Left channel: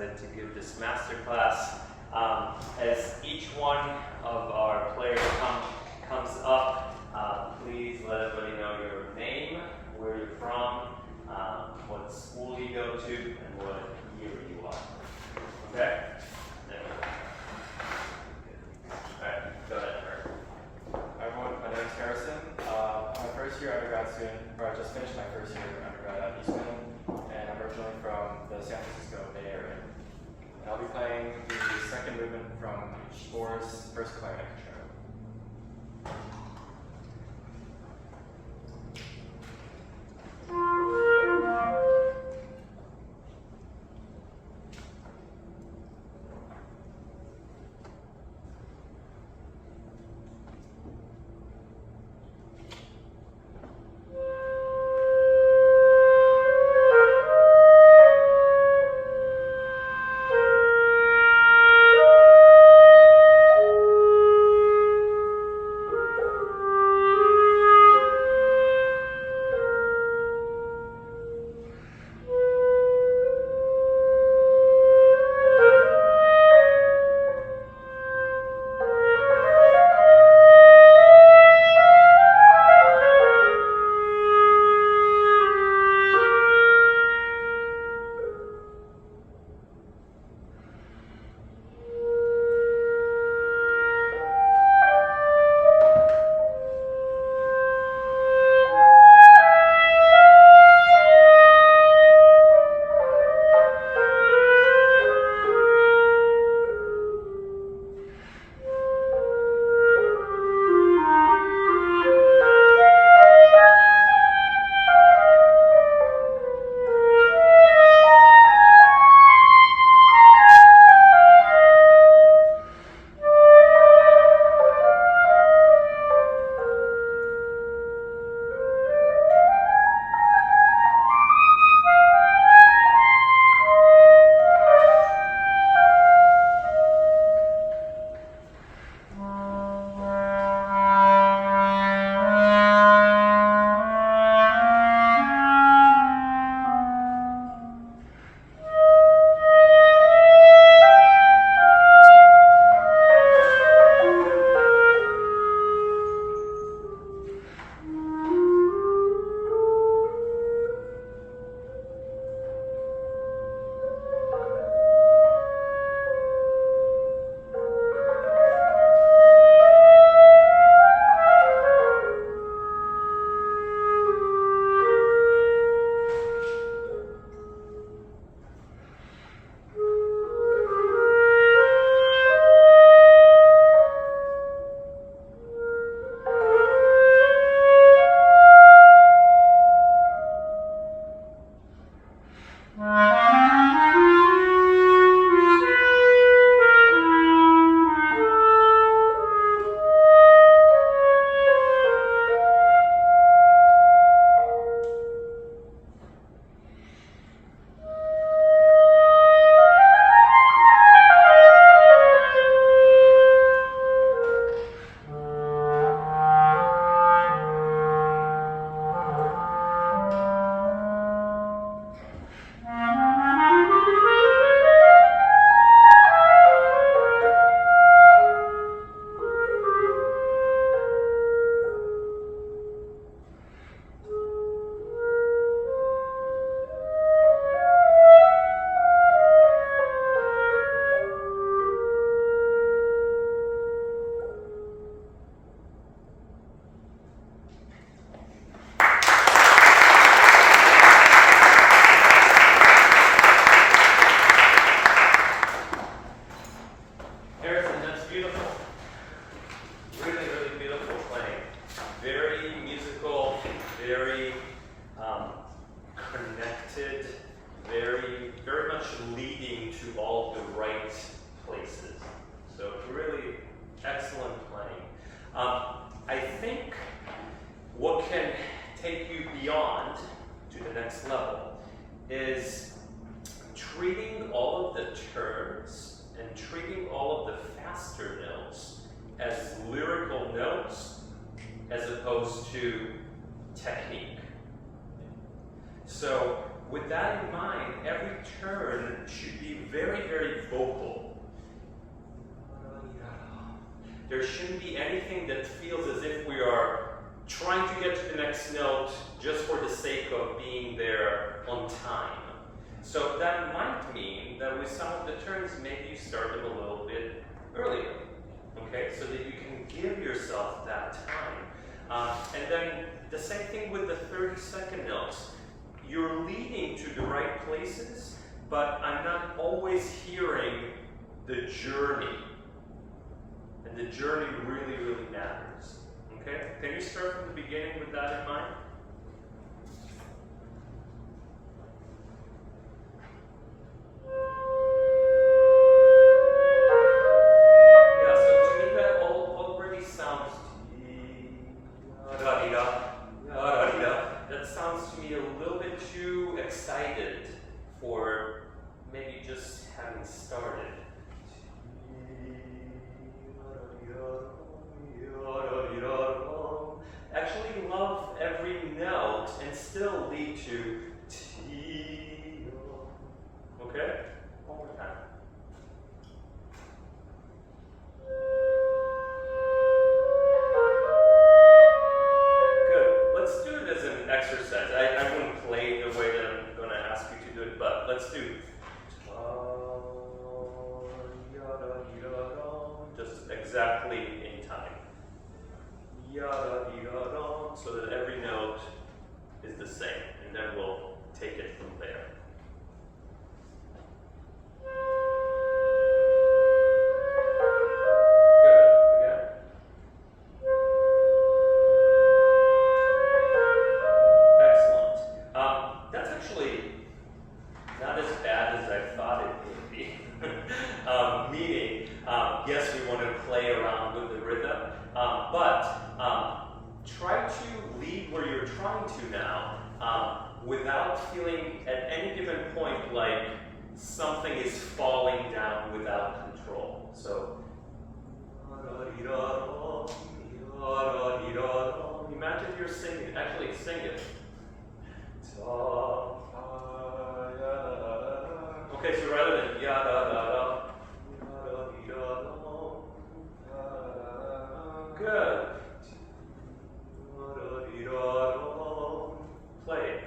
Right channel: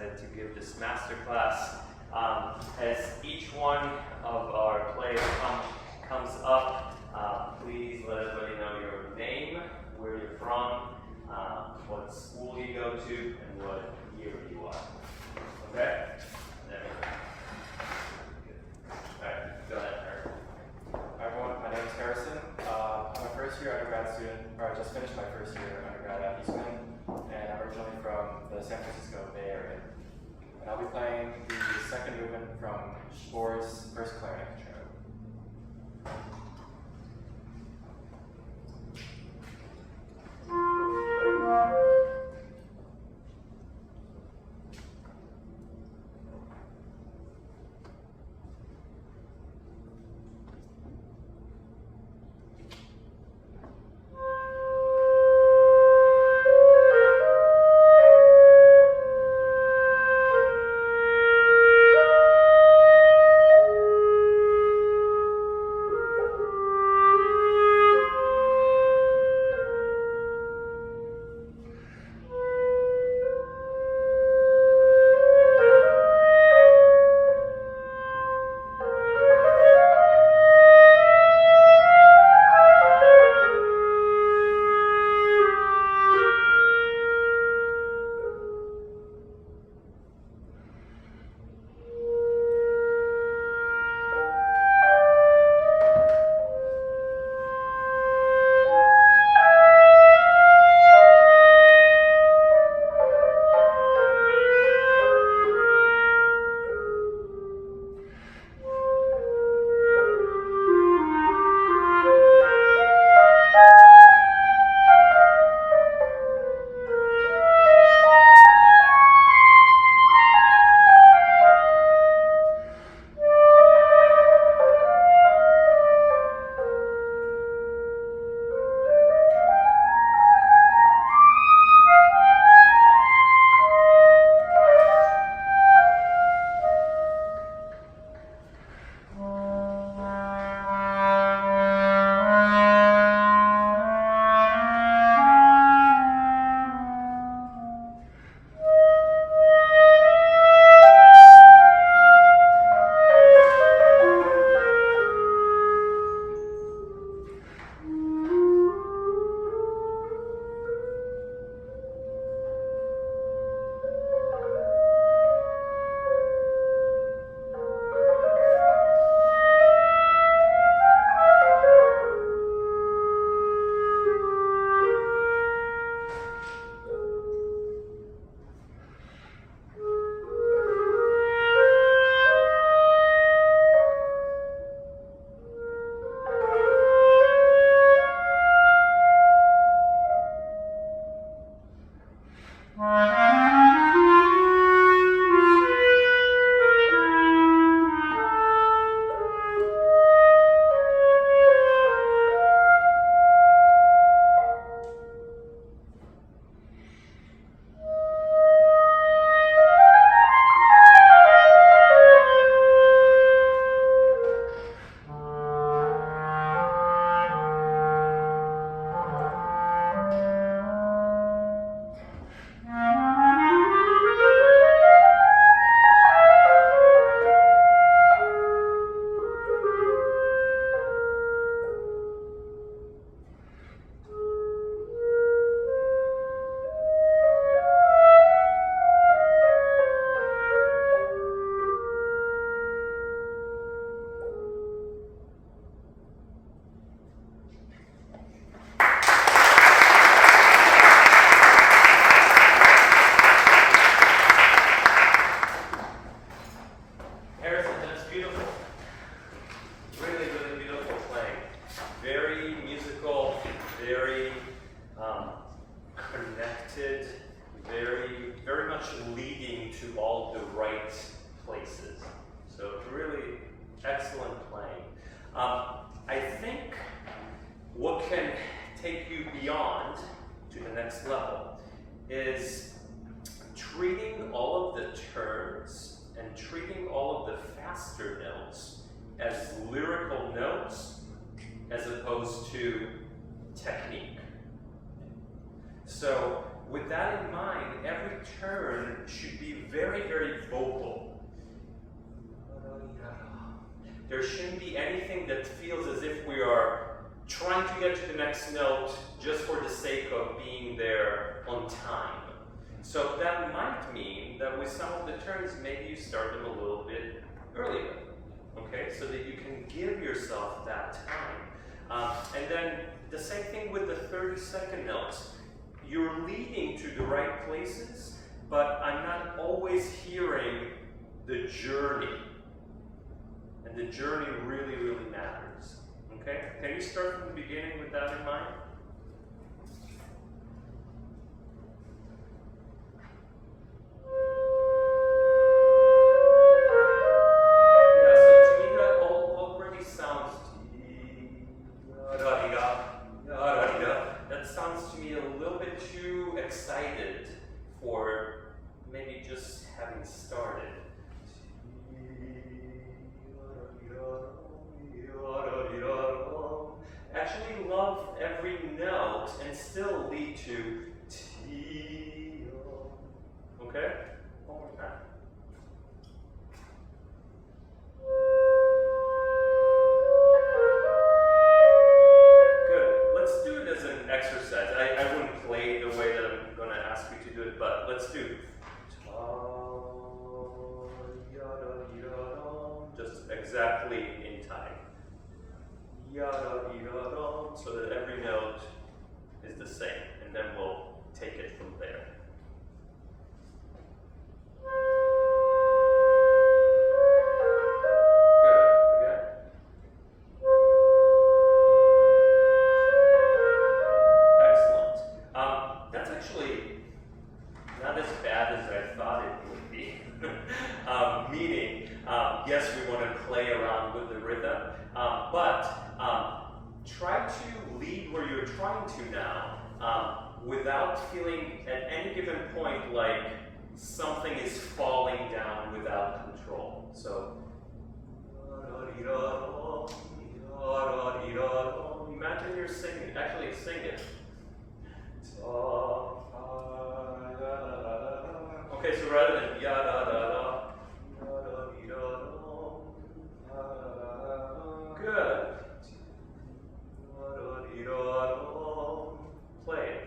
excited to give this masterclass. As each one of our players comes up, please let everybody know your name, where you're from, what school you go to, and what year you are. Okay? There we go. All right, go ahead, Art. Hi everyone, my name is Harrison. I'm a first year undergrad student, or I just finished my first year undergrad at Eastman, and I'm originally from the San Francisco Bay Area. And I'll be playing the second movement from Spohr's first clarinet concerto. Very much leading to all the right places. So really excellent playing. I think what can take you beyond to the next level is treating all of the turns and treating all of the faster notes as lyrical notes as opposed to technique. So with that in mind, every turn should be very, very vocal. There shouldn't be anything that feels as if we are trying to get to the next note just for the sake of being there on time. So that might mean that with some of the turns, maybe you start them a little bit earlier, okay? So that you can give yourself that time. And then the same thing with the 30-second notes. You're leading to the right places, but I'm not always hearing the journey. And the journey really, really matters, okay? Can you start from the beginning with that in mind? That sounds to me a little bit too excited for maybe just having started. Actually love every note and still lead to T. Okay? One more time. Exercise. I wouldn't play the way that I'm going to ask you to do it, but let's do just exactly in time. So that every note is the same, and then we'll take it from there. Yes, we want to play around with the rhythm, but try to lead where you're trying to now without feeling at any given point like something is falling down without control. So, imagine you're singing, actually sing it. Okay, so rather than ya-da-da-da, good. Play it.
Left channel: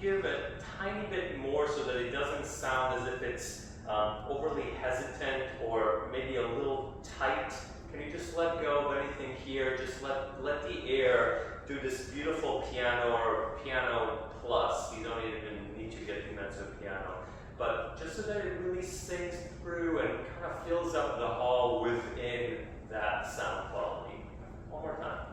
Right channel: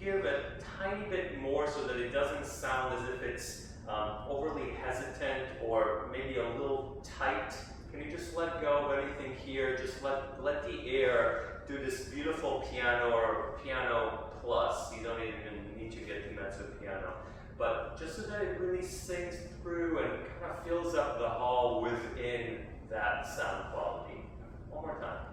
Give a tiny bit more so that it doesn't sound as if it's overly hesitant or maybe a little tight. Can you just let go of anything here? Just let the air do this beautiful piano or piano plus. You don't even need to get too mezzo piano. But just so that it really sings through and kind of fills up the hall within that sound quality. One more time.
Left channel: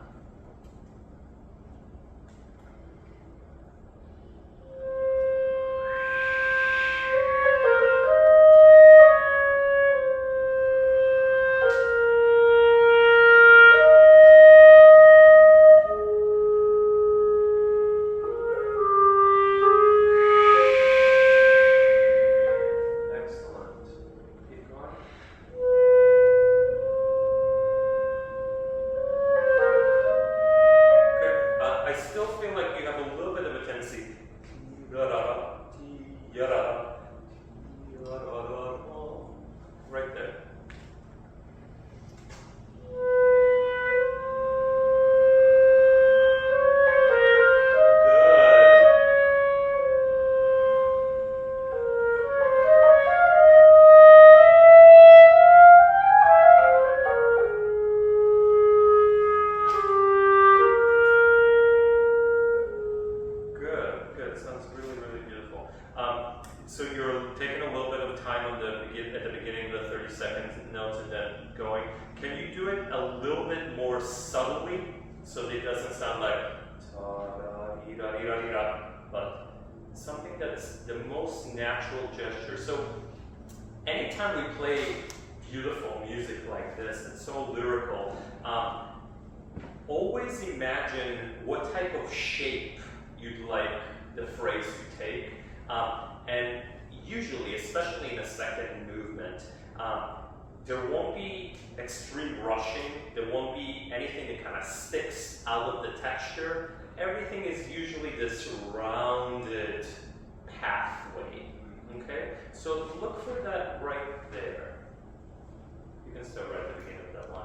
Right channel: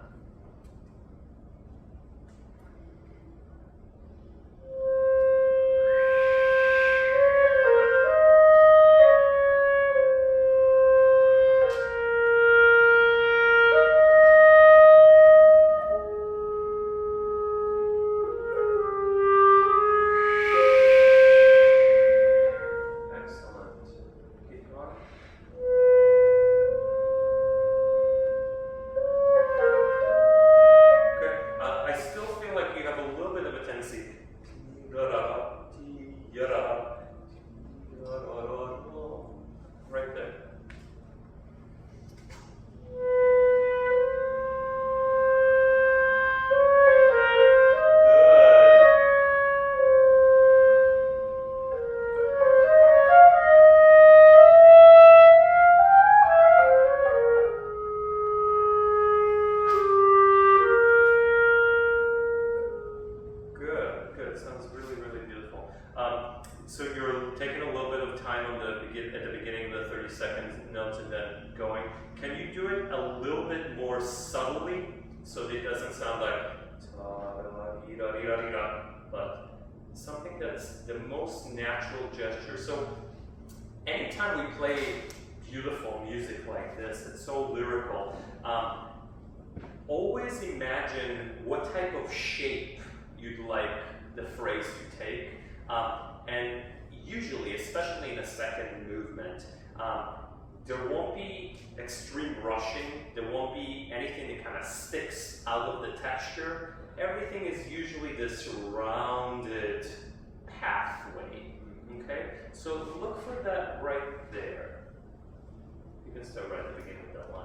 Right there. Good. Sounds really, really beautiful. So you're taking a little bit of time at the beginning of the 30-second notes and then going. Can you do it a little bit more subtly so that it doesn't sound like ta-da-dee-da-dee-da-dee-da? but something that's the most natural gesture. So anytime we play beautiful music like this, it's so lyrical, always imagine what type of shape you'd like the phrase to take. And usually, especially in the second movement, there won't be extreme rushing, there won't be anything that kind of sticks out of the texture. Everything is usually this rounded pathway, okay? So look for that right there. You can start right at the beginning of that line.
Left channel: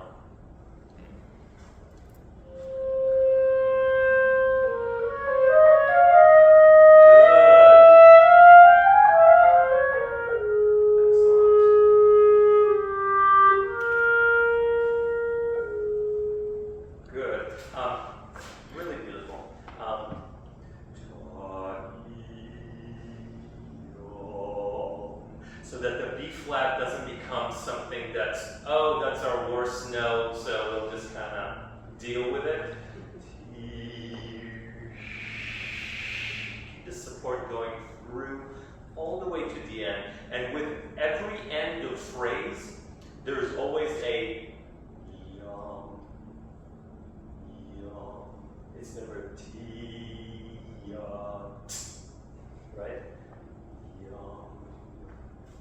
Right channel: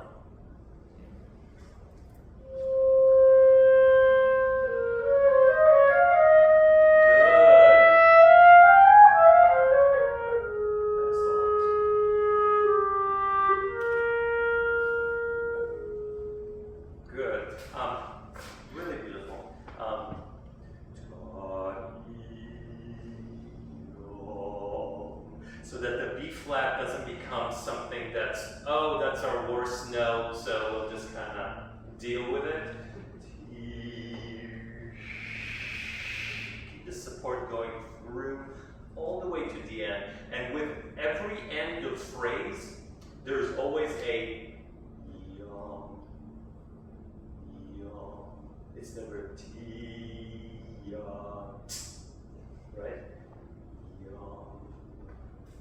So that the B flat doesn't become something that's, oh, that's our worst note, so we'll just kind of deal with it. Keep the support going through all the way to the end. And with every end of phrase, there's always a yum, yum. It's never T, yum, right?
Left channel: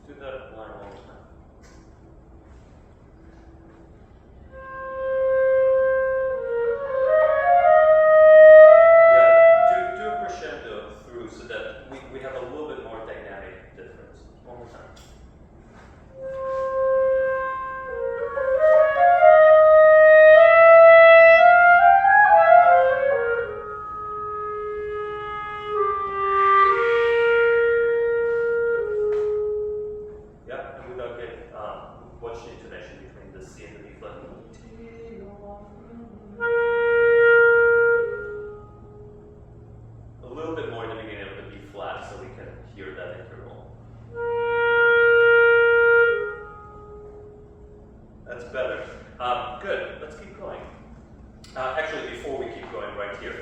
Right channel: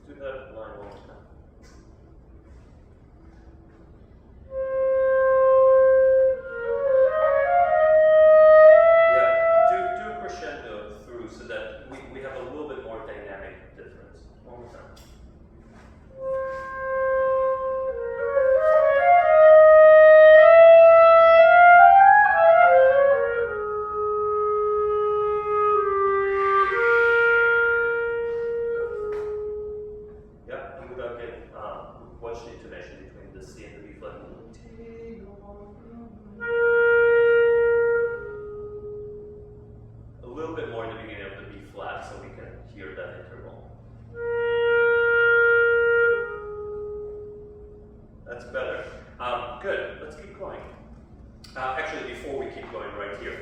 Do that line one more time. Yeah, do a crescendo through so that we have a little bit more dynamic difference. One more time. Watch the intonation between the C and the B flat. A little bit more at the beginning of the B flat so we can hear that interval. That's better. Good, let's keep going. Actually, before we keep going right here,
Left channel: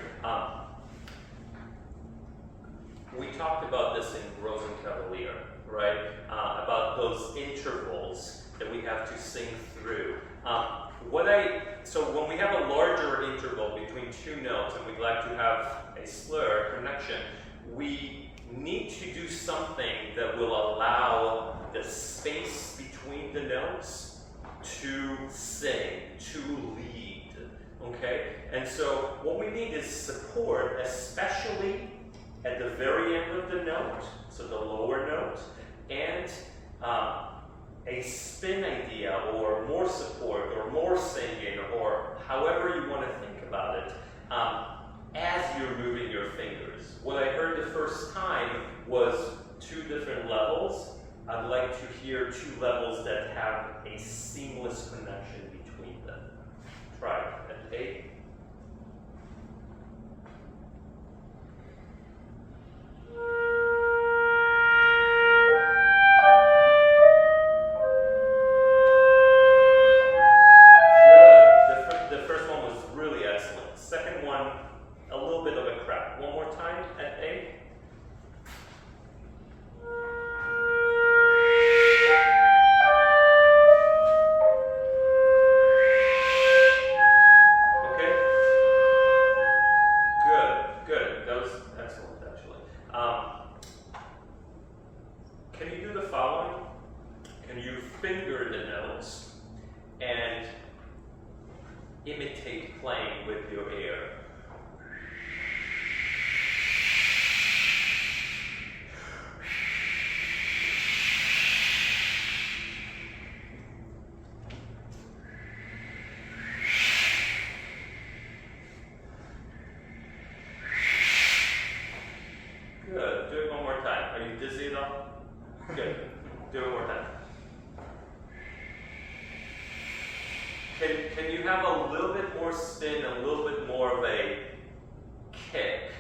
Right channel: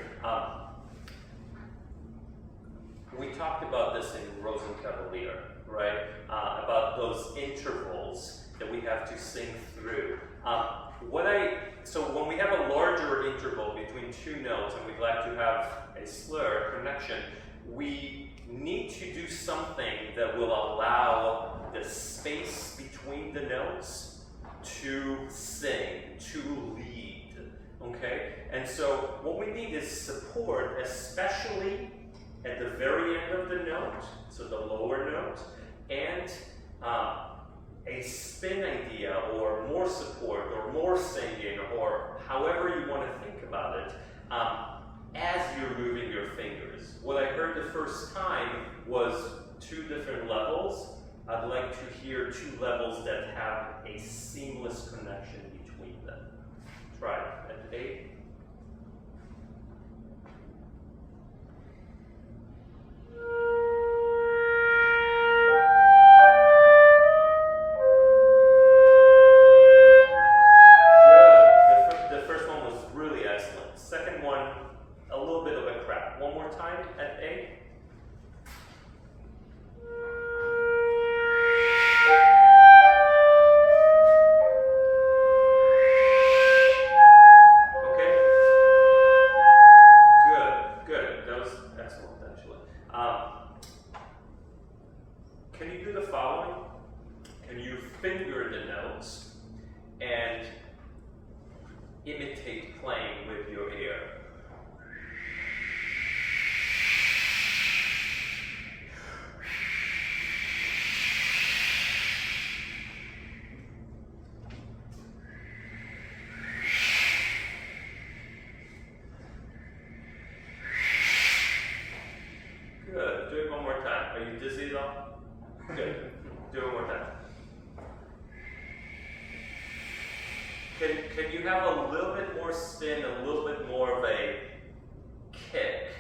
we talked about this in Rosencavalier, right? About those intervals that we have to sing through. So when we have a larger interval between two notes and we'd like to have a slur connection, we need to do something that will allow the space between the notes to sing, to lead, okay? And so what we need is support, especially at the very end of the note, so the lower note, and a spin idea, or more support, or more singing, or however you want to think about it, as you're moving your fingers. What I heard the first time was two different levels. I'd like to hear two levels that have a seamless connection between them. Try it at 8. Can you do the following? Can you finger the notes and imitate playing with your ear? Good. Do it one more time. Are you dizzy at all? Good. Do it one more time. Can you have a little bit more spin, a little bit more of a kick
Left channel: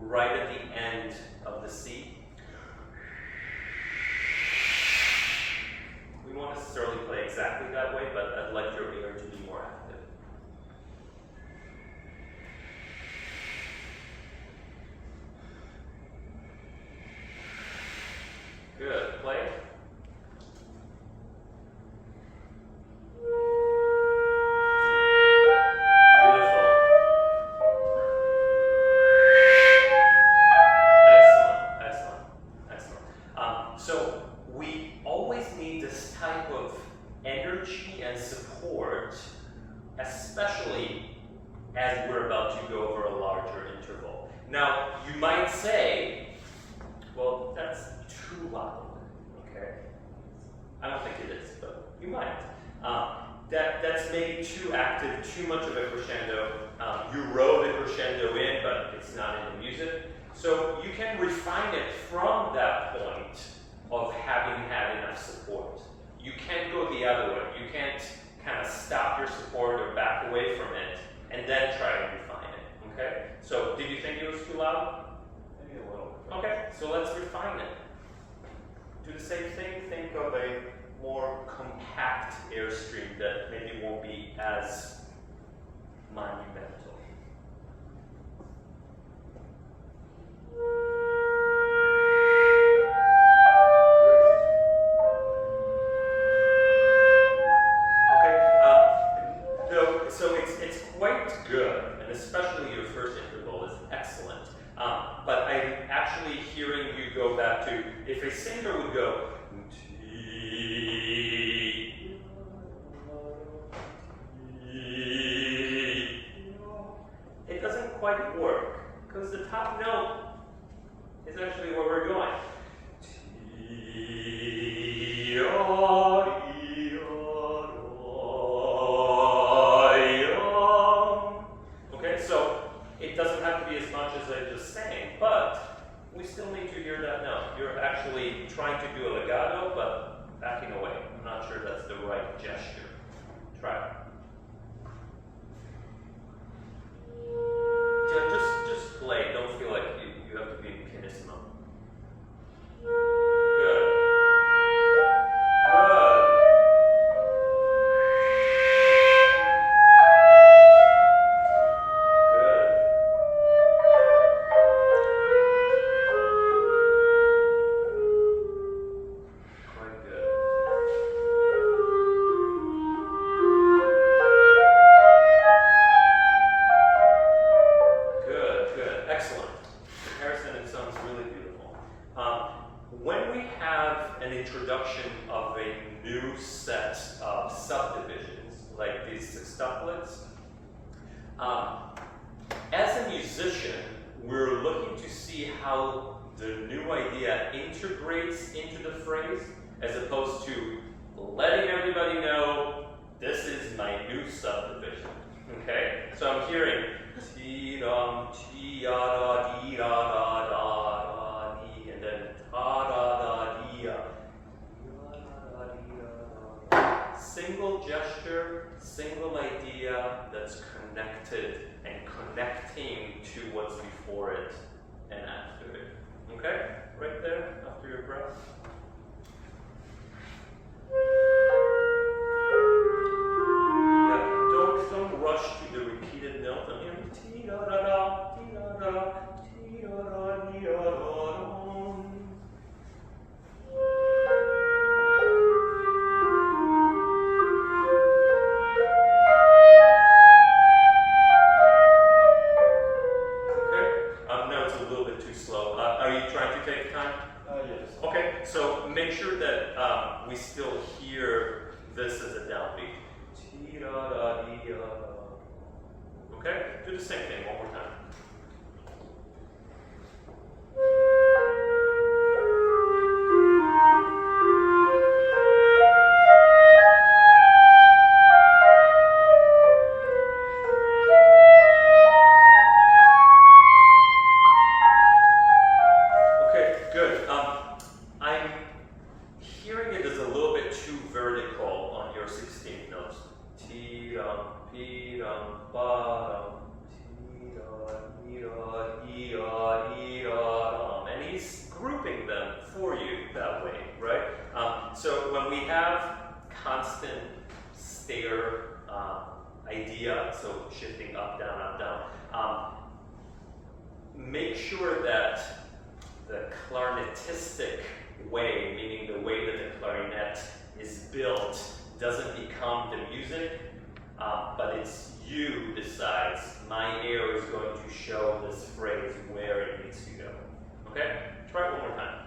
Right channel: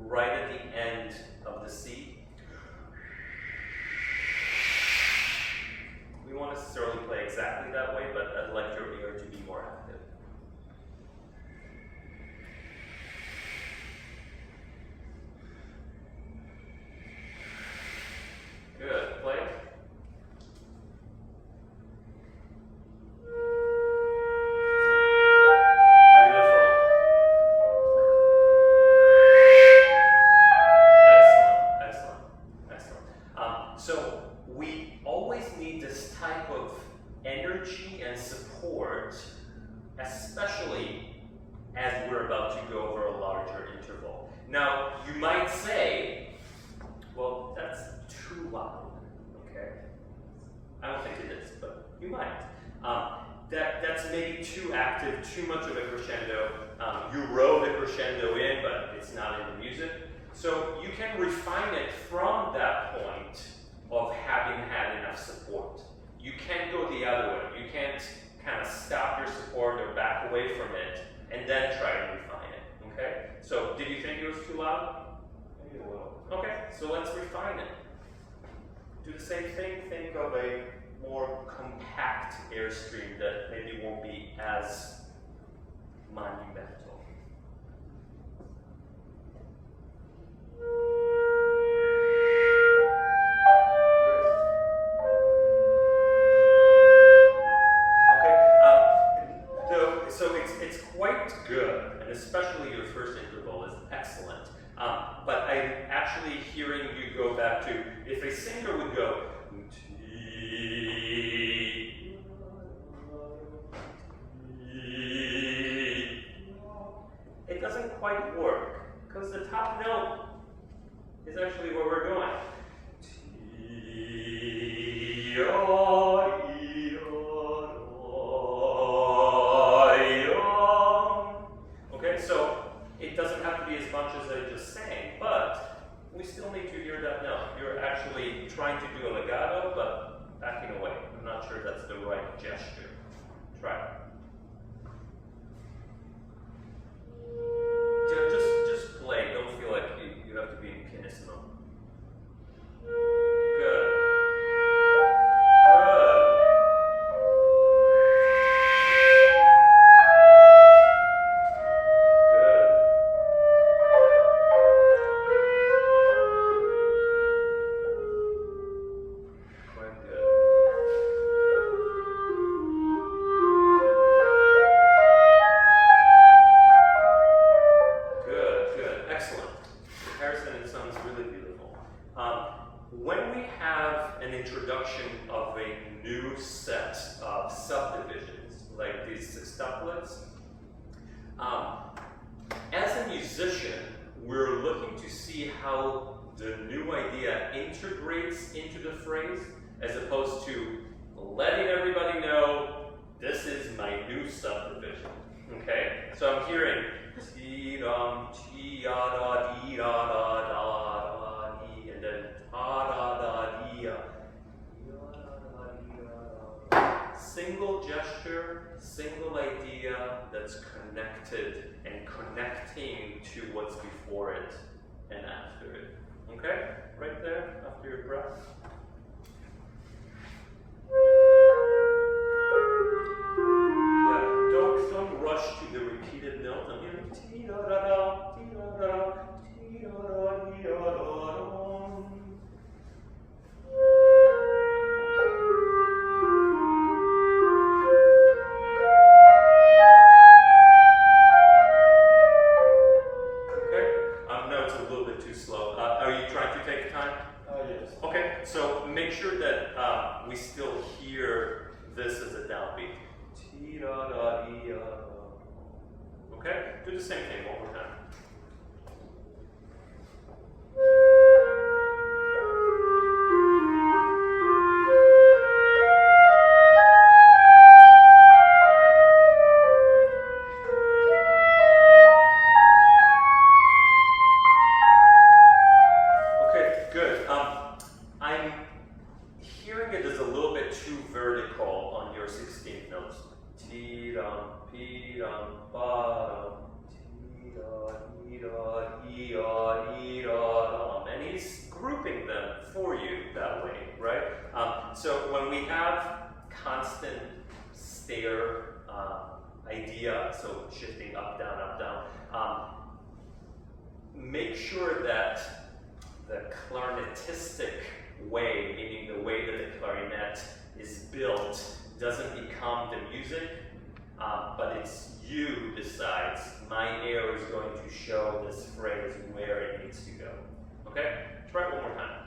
right at the end of the C? We won't necessarily play exactly that way, but I'd like your ear to be more active. and support, especially as we're about to go over a larger interval. Now, you might say, well, that's too loud, okay? I don't think it is, but you might. That's maybe too active, too much of a crescendo. You wrote the crescendo in, but it's not in the music. So you can refine it from that point of having had enough support. You can't go the other way. You can't kind of stop your support or back away from it and then try to refine it, okay? So did you think it was too loud? Maybe a little. Okay, so let's refine it. Do the same thing, think of a more compact airstream that maybe won't be as monumental. So it's quite good, and especially your first interval is excellent. But I'm actually hearing you go back to, if a singer would go, it doesn't quite work, because the top note is actually where we're going. Okay, so it doesn't have to be as much as I just sang, but we still need to hear that note. You're actually trying to do a legato, but backing away. I'm not sure that's the right gesture. Try it. Just play. Don't feel like you have to be pianissimo. Good. As a musician, we're looking to see how the new idea integrates into the phrase, as opposed to letting everybody know this is my new subdivision. Okay? So I'm hearing ti-dum, ti-da-da, dee-da-da-da-da-dee, and then ta-da-da-dee-da. Single gesture, single idea that's connected and connecting to what's before it and after it. Okay? Right there, after your breath. Yeah, don't rush to the repeated note. I'm hearing ti-da-da-da, ti-da-da-da, ti-da-da, dee-da-da-da. Okay, so make sure that we still hear this as a downbeat. Okay, do the same thing one more time. And he's grouping them for you that way, right? So when we have constant stair idea, so shifting up, down, make sure that the clarinetistic way, meaning the way that the clarinet is built, doesn't become the music, but it's you decides, my air is going to show this phrase where it needs to go. Okay? Try it one more time.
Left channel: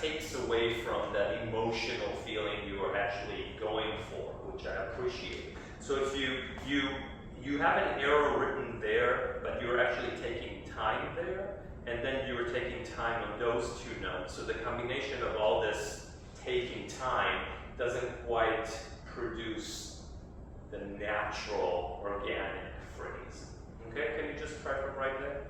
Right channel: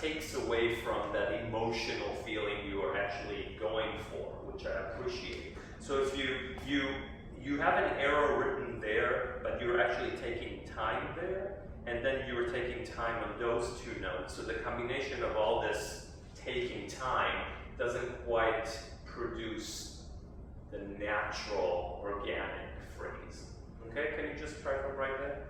takes away from that emotional feeling you are actually going for, which I appreciate. So if you have an arrow written there, but you're actually taking time there, and then you're taking time on those two notes. So the combination of all this taking time doesn't quite produce the natural, organic phrase. Okay, can you just try from right there?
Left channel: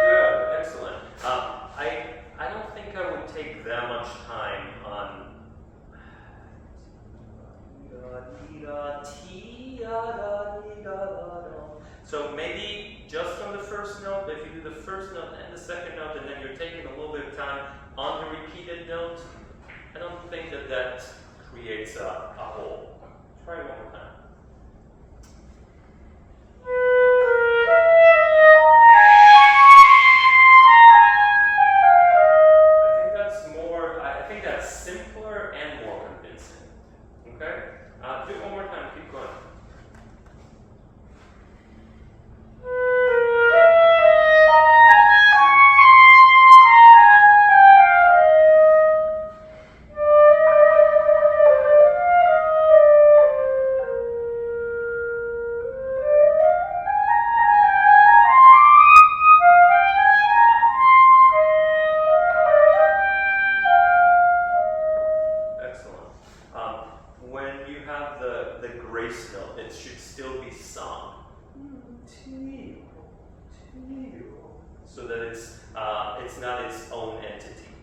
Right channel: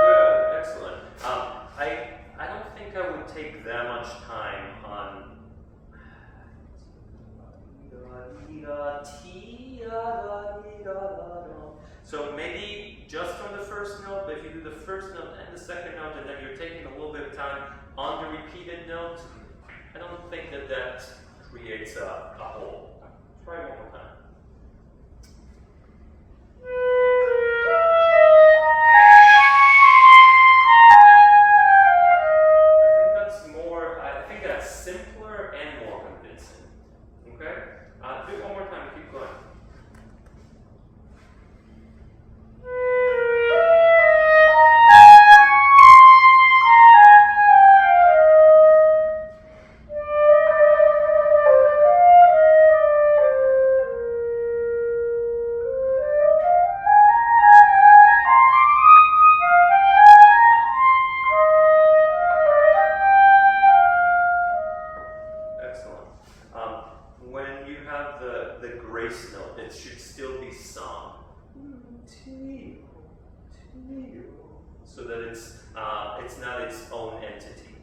Good, excellent. I don't think I would take that much time on so maybe just on the first note, if you do the first note and the second note, and then you're taking a little bit of time on the repeated note, I don't think that creates a hole. Try it one more time. I think that's simpler and more convincing. Okay? Do it one more time, keep going. When you have the grace note, it should still be sung. So that it's not its own entity.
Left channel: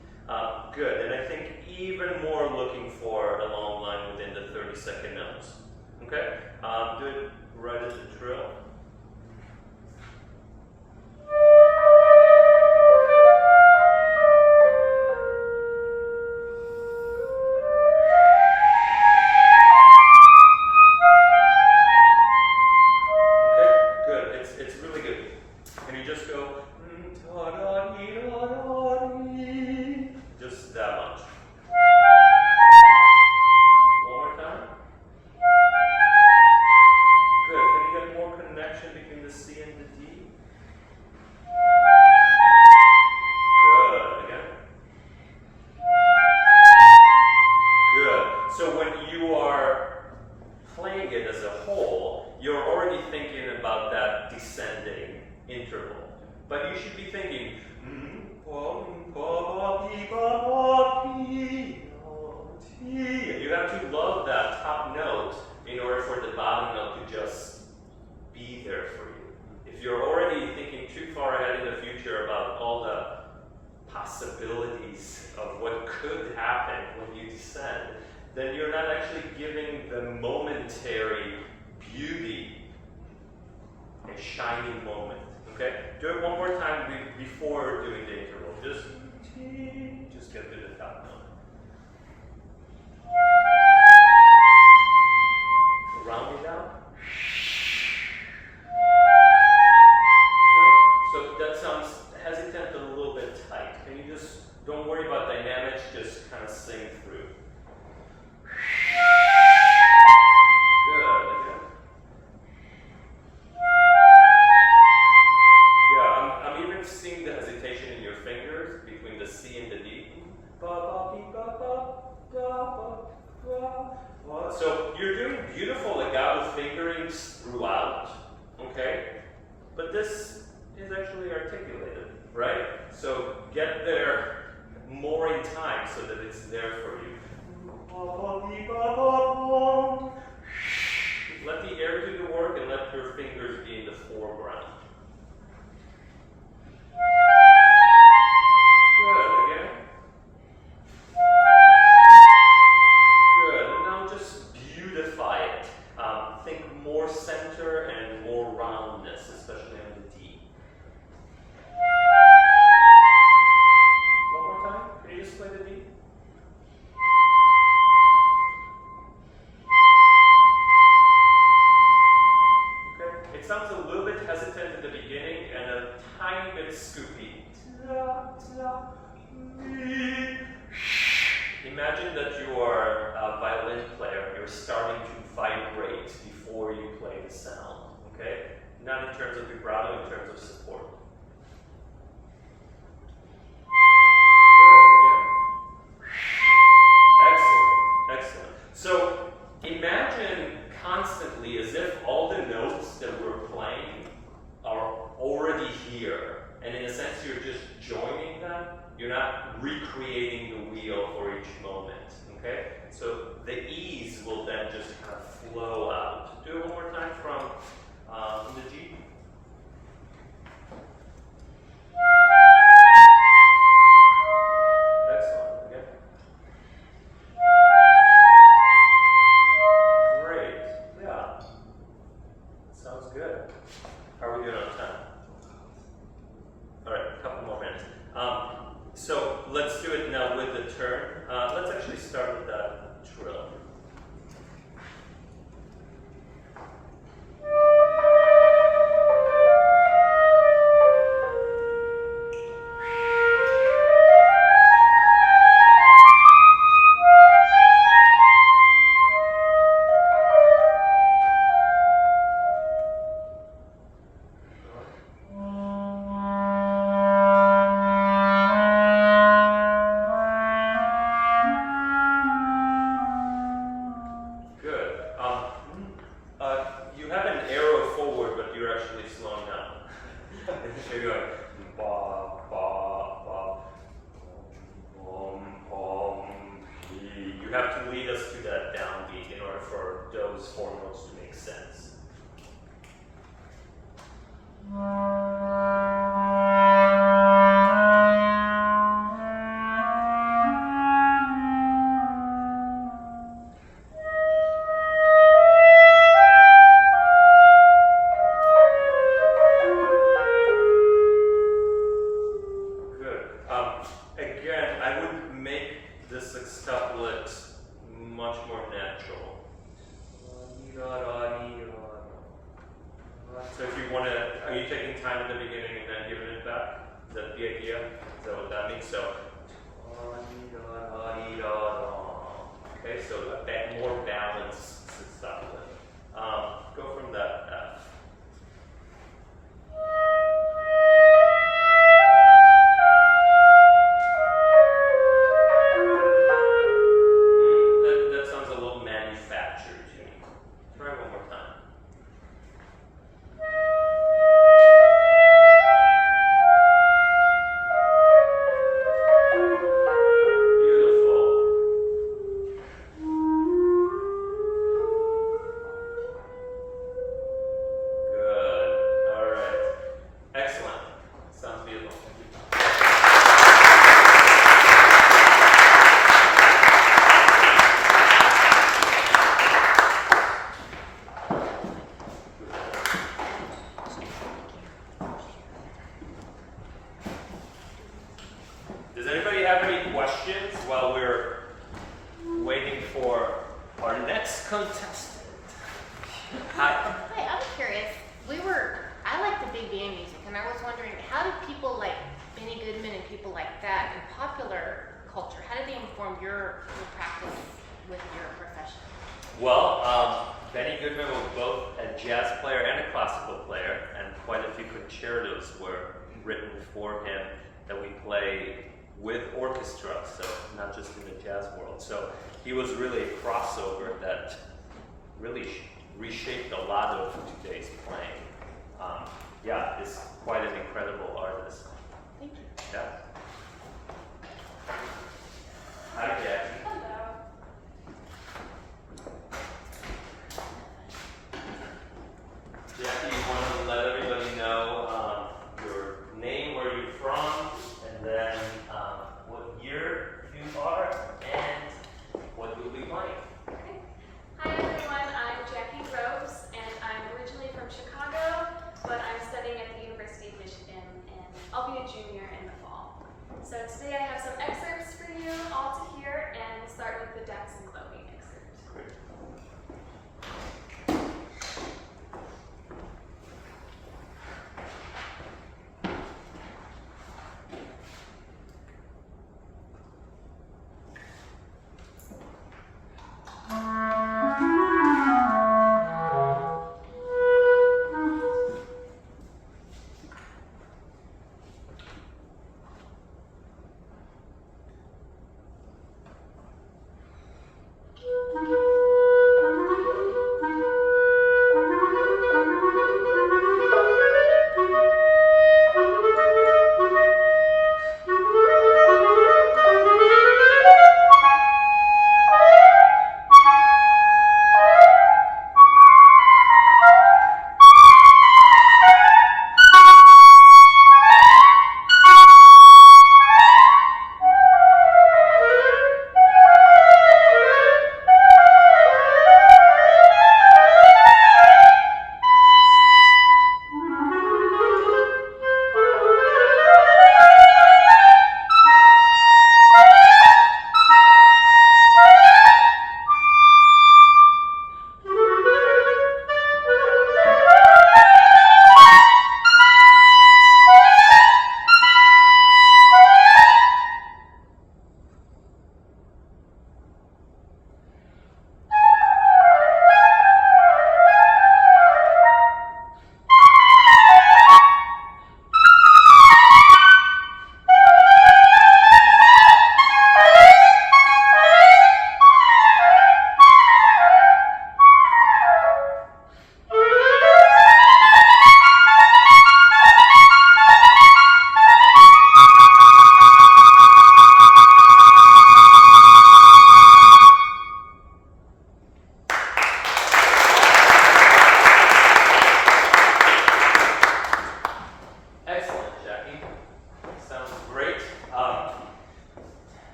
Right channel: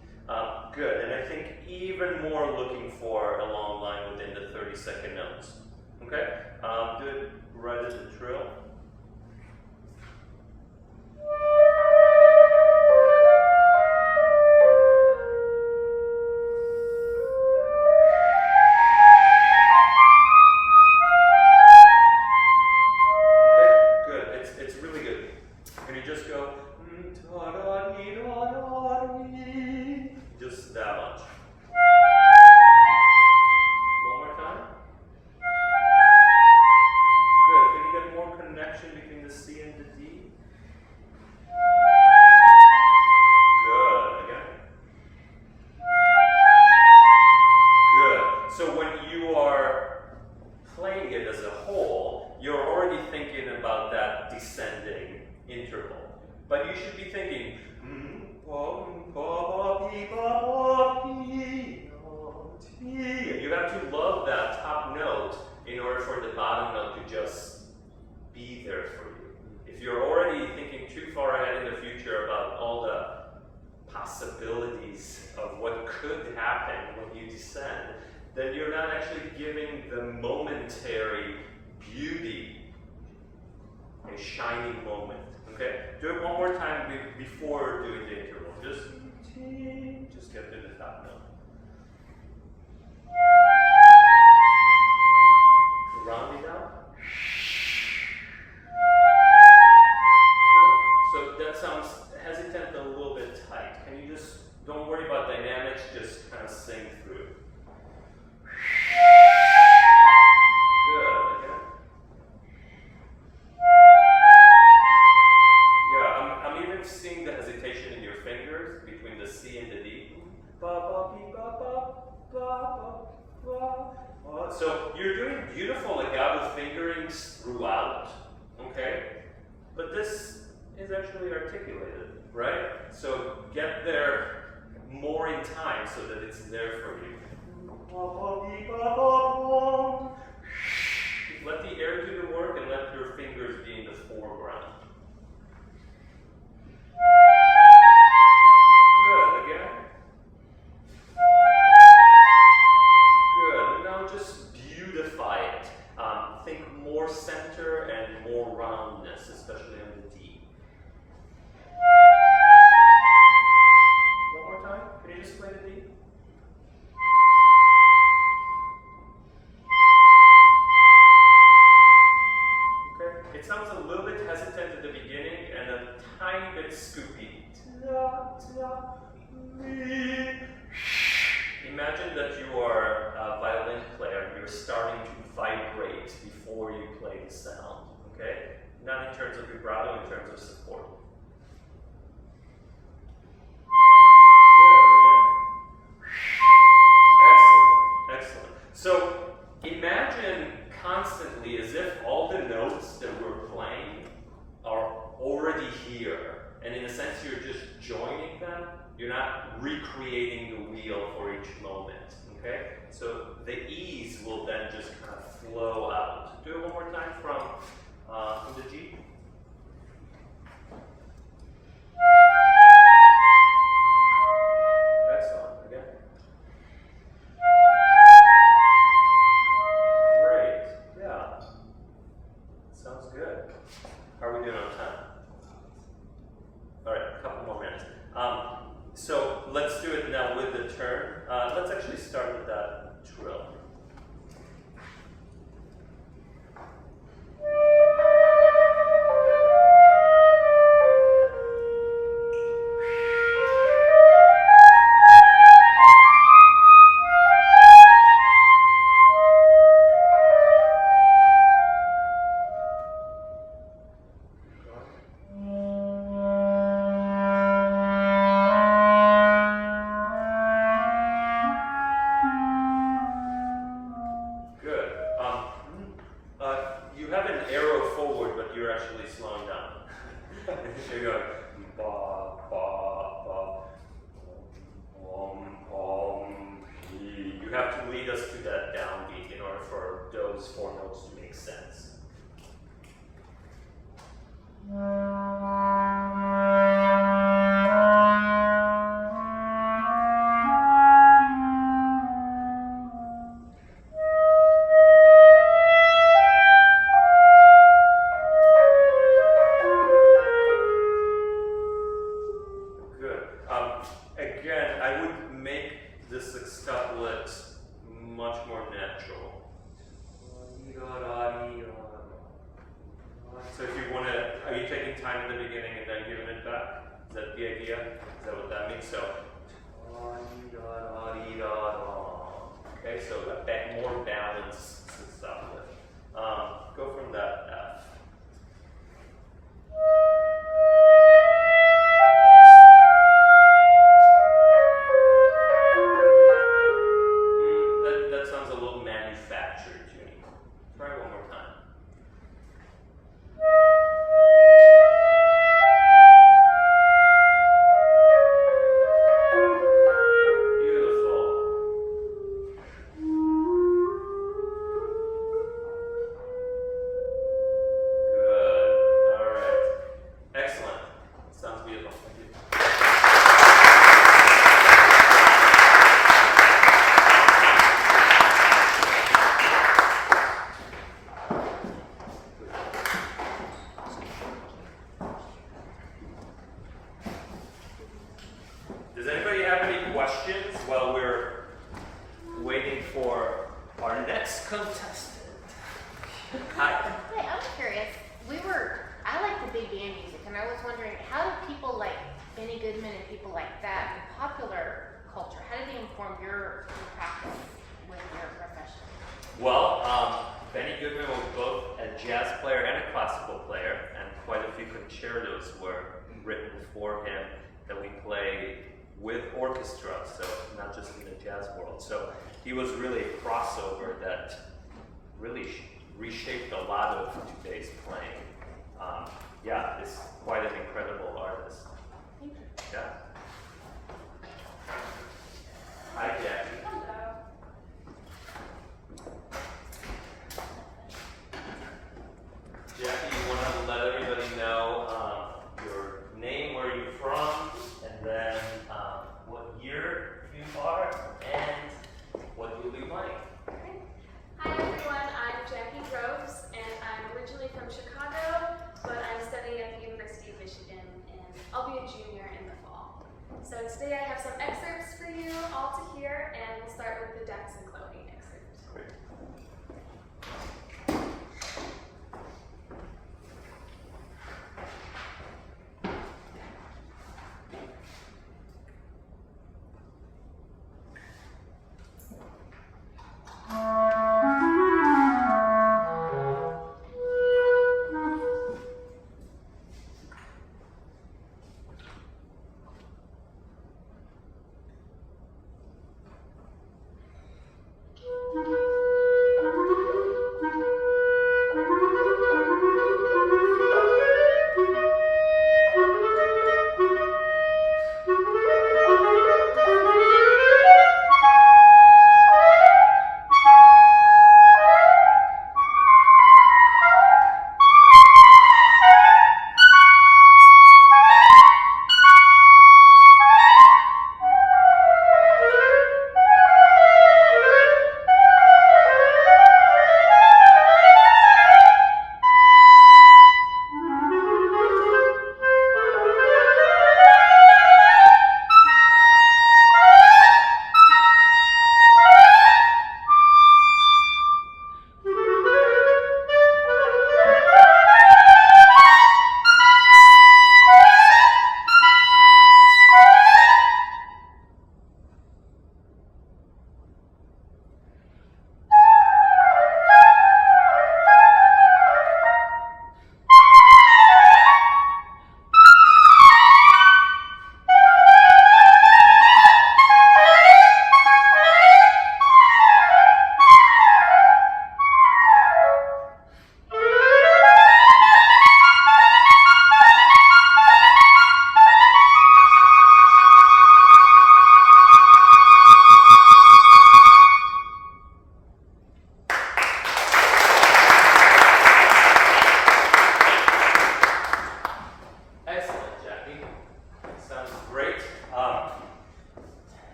Good, and I think even more looking for a long line within the 30-second notes. Okay? Do it right as a trill. Just that much. One more time. Good. Can you get more connection between the C and the D? Good. Again. Good. So when you are playing it as a whole, you're already thinking about that descending interval. But you should be thinking, you have to love that top note in order for the bottom note to just be there for you. If you're already thinking too far ahead in the future about all the possibilities of what could happen when you descend, then you're not actually giving the momentary beauty a shining moment. Okay? Do it one more time before doing the interval. Just get to the top note. Round it out. No? So that sounds hesitant and a little bit tight. Can you just, don't worry about dynamics, just kind of sing through. Good. Again. Yeah, I'm even seeing the hesitation in your fingers between the C and the D. So you're doing beautiful legato fingerings throughout, okay? But this is actually articulated, right? So get there more in time so that it's there for you. Let the air do the work and let your fingers be in the foreground. Good, again. Good, and now just beautify it. Think more center and more roundness, especially on the D. One more time, can you just play the D? Okay, it sounds a little bit hesitant at the beginning and a tiny bit scoopy. Imagine that you are a violin player, you're starting to vibrate before you play the sound, okay? Not in terms of vibrato, in terms of support. Good, again. Excellent, excellent. So imagine constantly as if all the notes that we're playing are already here, and in a sense you're just joining them. You're not recreating the wheel for each moment, okay? So the ease will then just kind of flow out. Do it one more time from the G. Excellent, again. Great, yeah. Sounds good. How are we doing on time? All right, a couple more minutes. So let's do it now with the turn. Let's actually start with that trill. You have an arrow forward, but you're actually slowing down. You're going ba ba ba, you have to lead us to that downbeat in order for those four notes to make sense. Again, I would make the sextuplet much more natural. So if you want to, are you taking time in the beginning and then giving it back? Is that the idea? Is that what that means? So, okay, so that more balanced sextuplet. Go from that F. That sounds a little manufactured to me. Try one more time. Does anybody have any questions while we're waiting for our next contestant? Hi. Hey, I'm curious. I like the big band music, and I was wondering, how do people like Benny Goodman and people like that in popular culture, how do they inform your practice with your profession? Well, Benny Goodman was both a jazz player and a classical player, and quite a few concertos were written for him that we play with orchestra, so not just in the jazz world. So he was really a crossover that really reshaped a lot of today's playing. Yeah, he's quite an incredible artist. Thank you. Yeah. Hi, Jackie. Hello. Jackie, you want to let everybody know your name, where you're from, and then what year you are, and what you'll be playing. Okay. Hi everyone, I'm Jackie Groves, and I'm originally from Chicago, but I'm studying at the University of Michigan, and I'll be a junior in the fall. So today I have some excerpts for you all to hear, and we'll start with the Dax and Chloe excerpt. Great.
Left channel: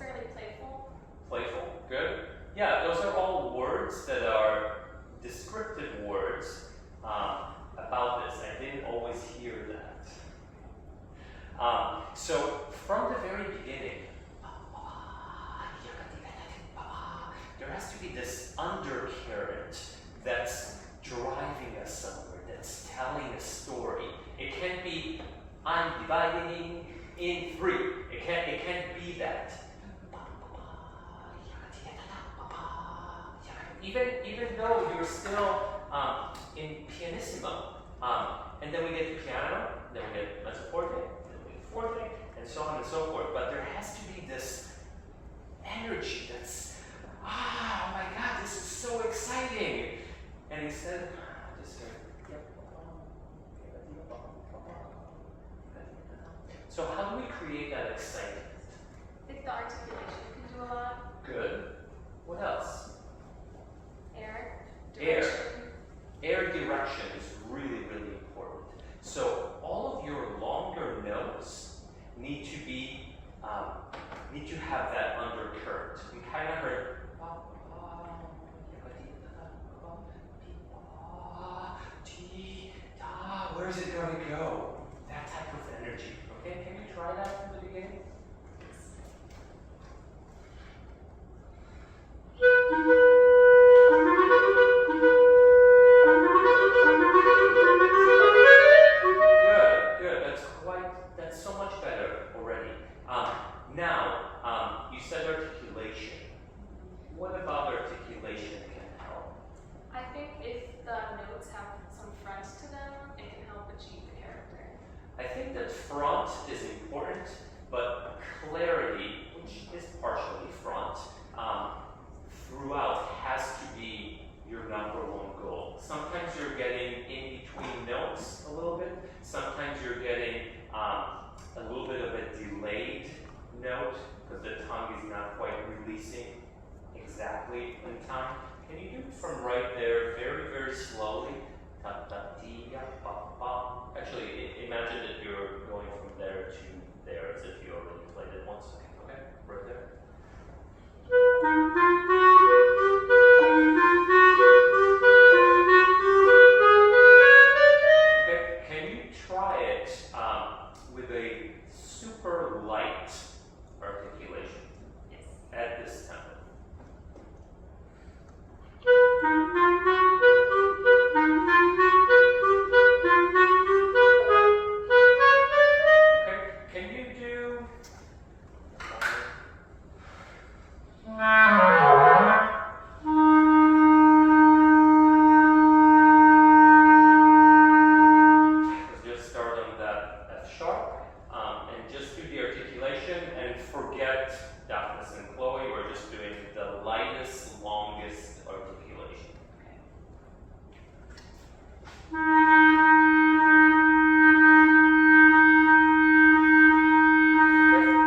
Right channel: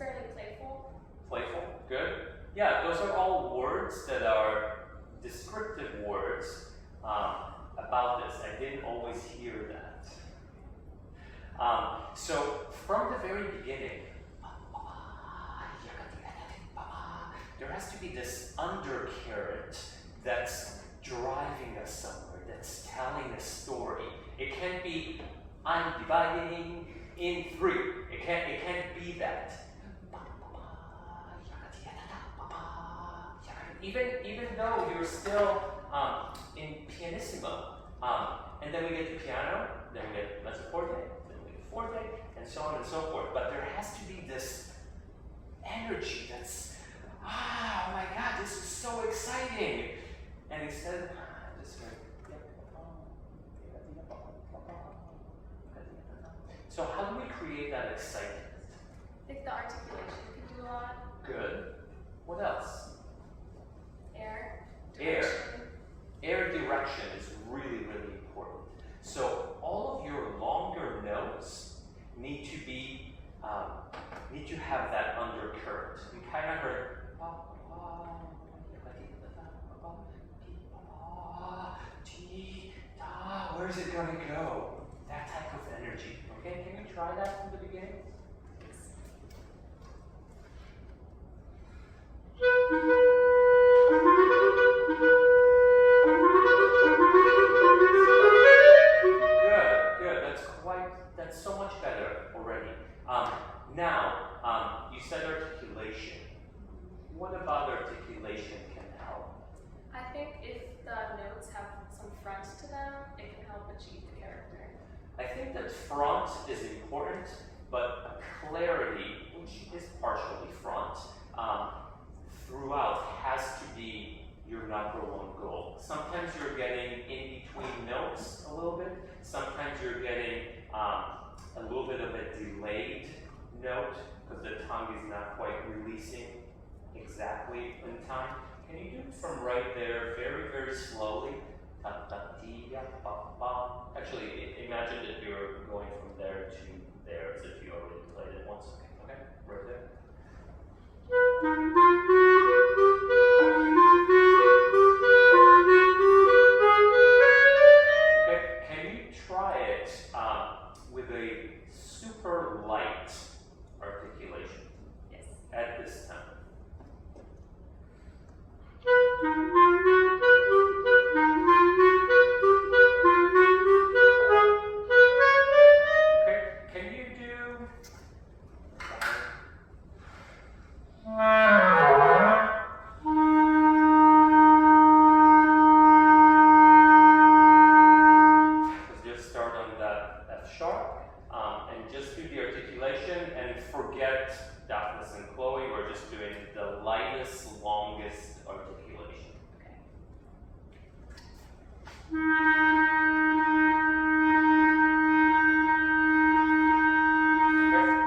fairly playful. Playful, good. Yeah, those are all words that are descriptive words about this. I didn't always hear that. So from the very beginning, there has to be this undercurrent that's driving us somewhere, that's telling a story. It can't be, I'm dividing in three. It can't be that. Even though you're still in pianissimo, and then we get to piano, then we get mezzo forte, then we get forte, and so on and so forth. But there has to be this energy that's, oh my God, this is so exciting. And instead, just so how do we create that excitement? I think the articulation can do a lot. Good. What else? Air. Air. Direction. Air direction is really, really important. So all of your longer notes need to have that undercurrent. You kind of heard. Where is it going to go? That type of energy. Okay, can you try that from the beginning? Good. That's so much better already. Now, you said articulation. What about articulation can help? I think if the notes have some front to them, it can help achieve the character. I think that front is important, but clarity, which is partially front, throughout has to be your number one goal. Sometimes you're getting in between notes a little bit. Sometimes you're getting a little bit of a delayed note because the tongue is not quite releasing exactly in time. Can you do it from right there very, very slowly? Actually, imagine that you're going from there to there as if you already played it once. Okay, right there. Okay, can you try it with a super light articulation Yes. at this tempo? Okay, can you do let's just start on that F sharp and just do the articulation and forget Daphnis and Chloe. We're just doing the lightest, longest articulation.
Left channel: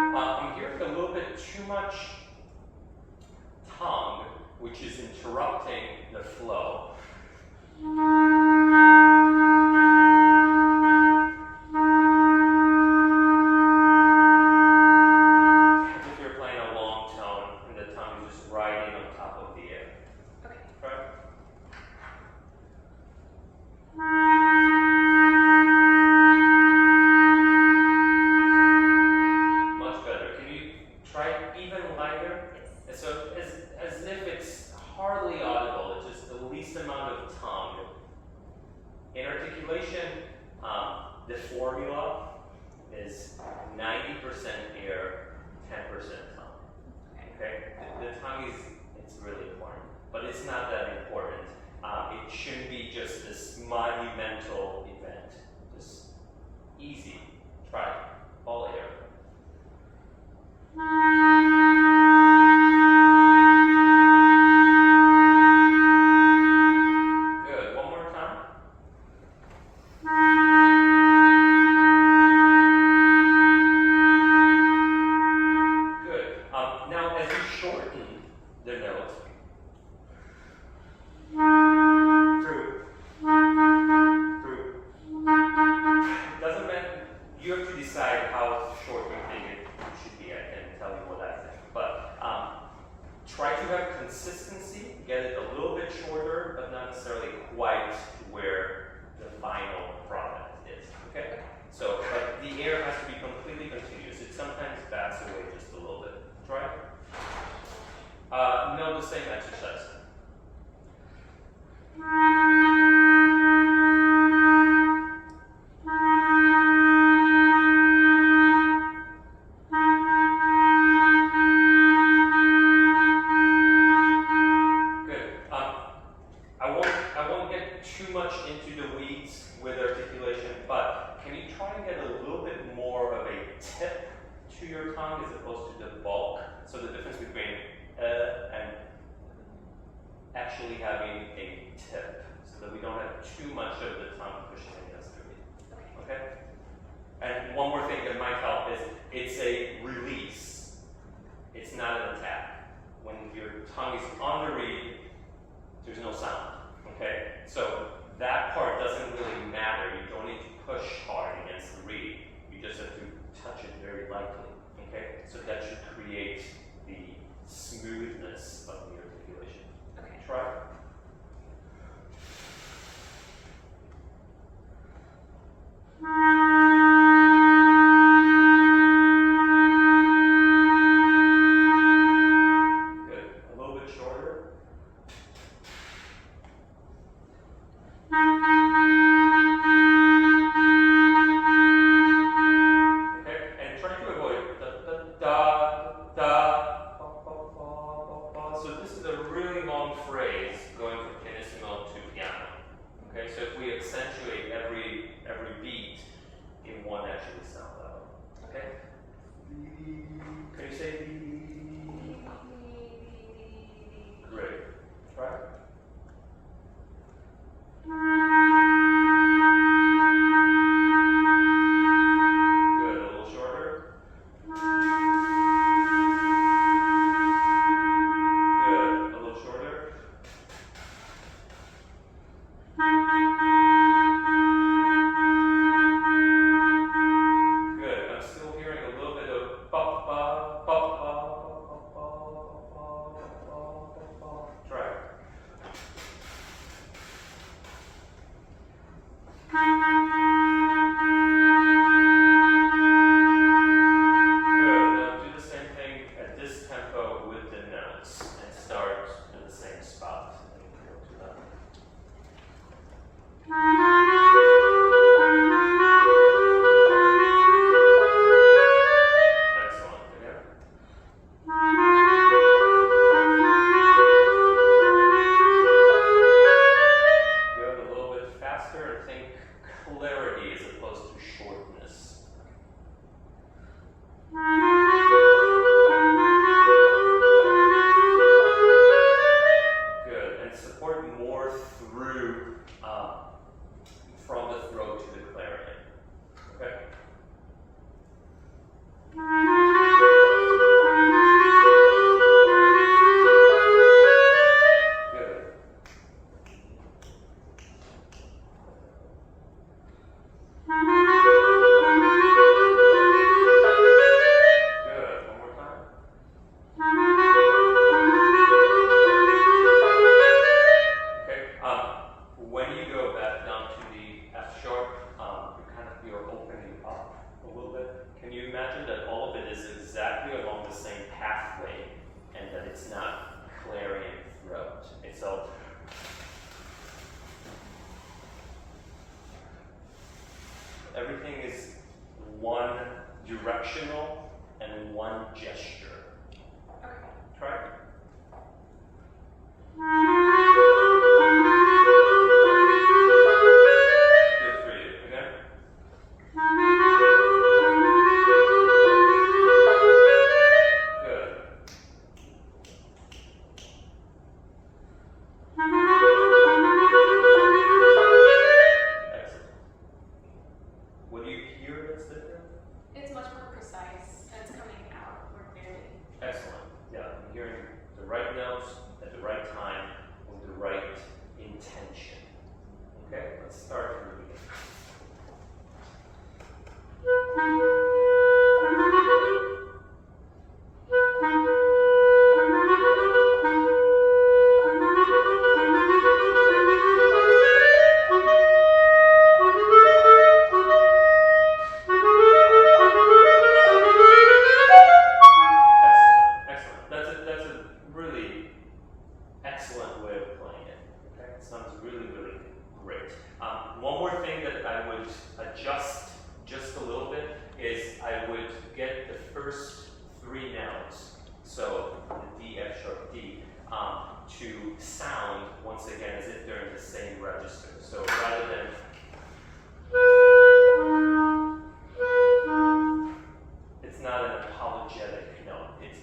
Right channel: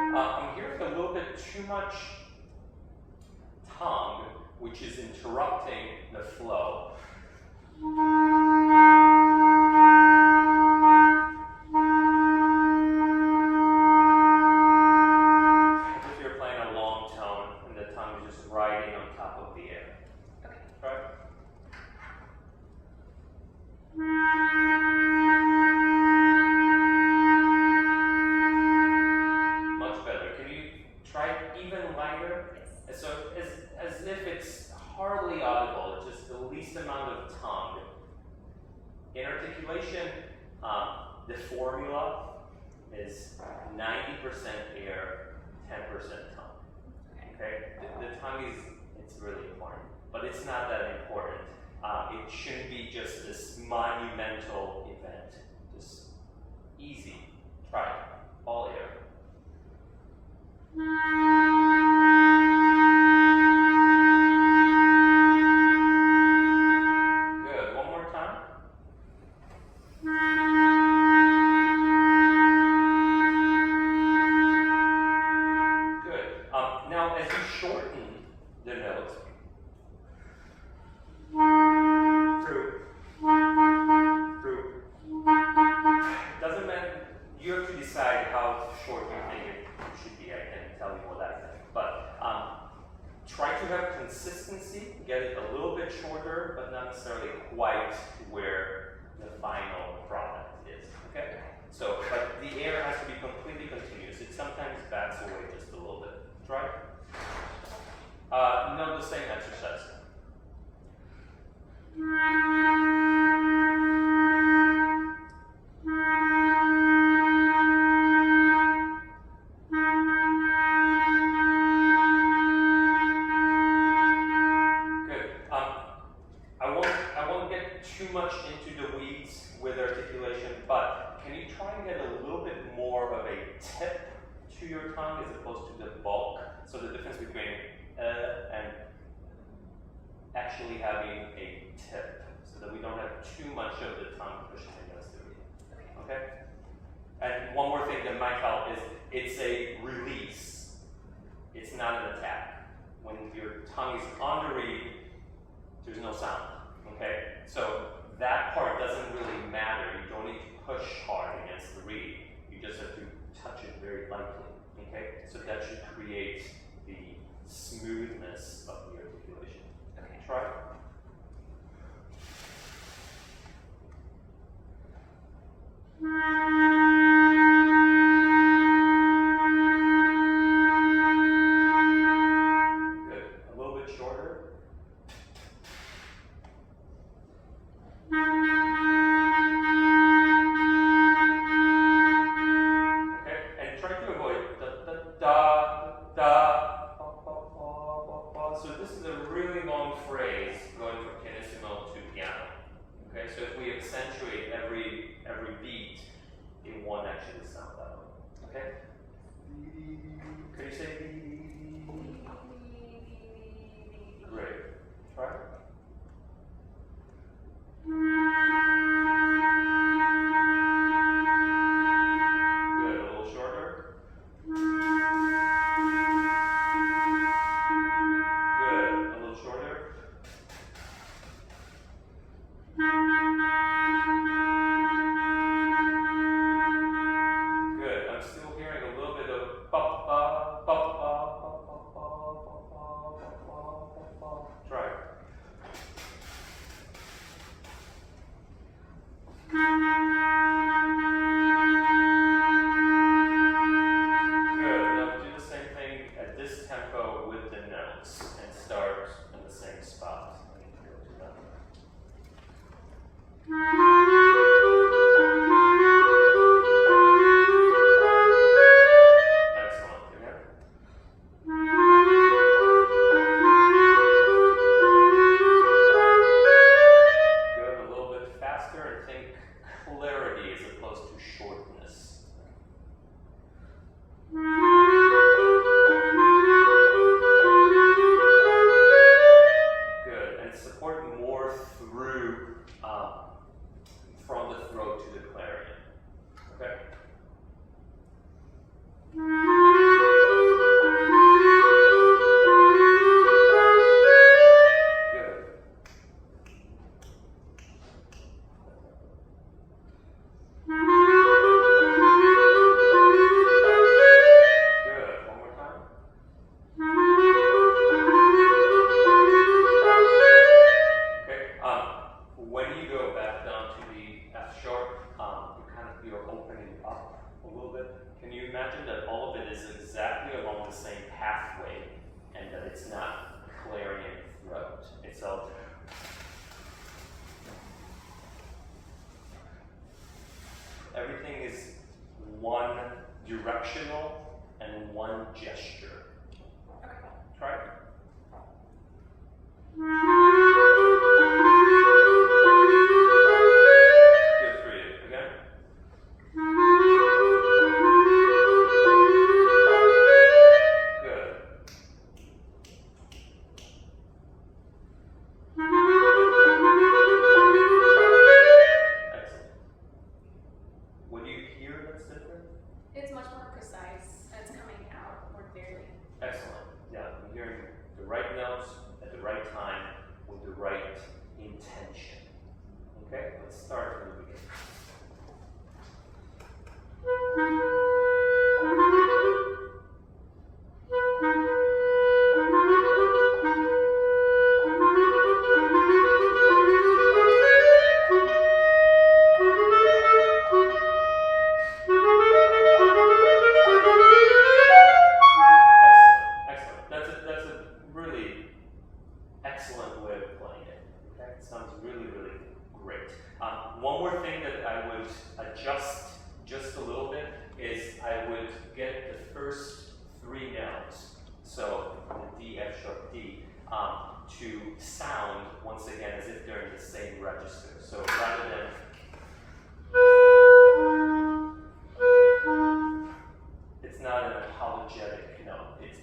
I'm hearing a little bit too much tongue, which is interrupting the flow. As if you're playing a long tone and the tongue is just riding on top of the air. Okay. Right? Much better. Can you try it even lighter? Yes. So as if it's hardly audible, it's just the least amount of tongue. In articulation, the formula is 90% air, 10% tongue. Okay? The tongue it's really important, but it's not that important. It shouldn't be just this monumental event. Just easy. Try it. All air. Good. One more time. Good. Now, as you shorten the note, through. It doesn't matter. You have to decide how short have consistency, get it a little bit shorter, but not necessarily quite where the final product is, okay? So, like, the air has to be completely continuous. It sometimes backs away just a little bit. Try. No, the same exercise. Good. I won't get too much into the weeds with articulation, but can you try and get a little bit more of a tip to your tongue as opposed to the bulk? So the difference between and actually having a tip, so that we don't have too much of the tongue pushing against the reed. Okay? And one more thing that might help is it's a release. It's not an attack. When your tongue is on the reed, there's no sound. Okay? So that part doesn't really matter. You don't need to push hard against the reed. You just have to touch it very lightly. Okay? So that should create the smoothness of the articulation. Okay. Try. Good. A little bit shorter. Okay, and try to avoid so this is a really long phrase going from pianissimo to piano. Okay, so if we accentuate every beat, it won't actually sound that way. Okay? Can you say great. Try. Good. A little shorter. Good. A little shorter. Good. I'm still hearing a little bit of ba ba ba ba ba ba ba ba ba ba. Try. Good. Now do the same thing at this tempo with the notes and start in the same spot. Let me go to that. Excellent. Again. Good. A little bit faster and think clarity as opposed to shortness. Good. And support more through from the throat to the clarinet. Okay? Good. Good. One more time. Okay. When you go back down to the F sharp, you're opening up a little bit. Can you imagine that all of it is exactly along the same pathway, and that it's not clarinet throat? It's all. Everything is one directional and one gesture. Okay. Try. Good for you. Again. Good. Excellent. What do you hear that's different? It's much more precise and it's coming out more clearly. Excellent. Yeah, I'm hearing the right notes at the right time with the right intention. Okay, let's start from the beginning. to sound once again as if they're in the same register. So rather than it's not an apologetic note. It's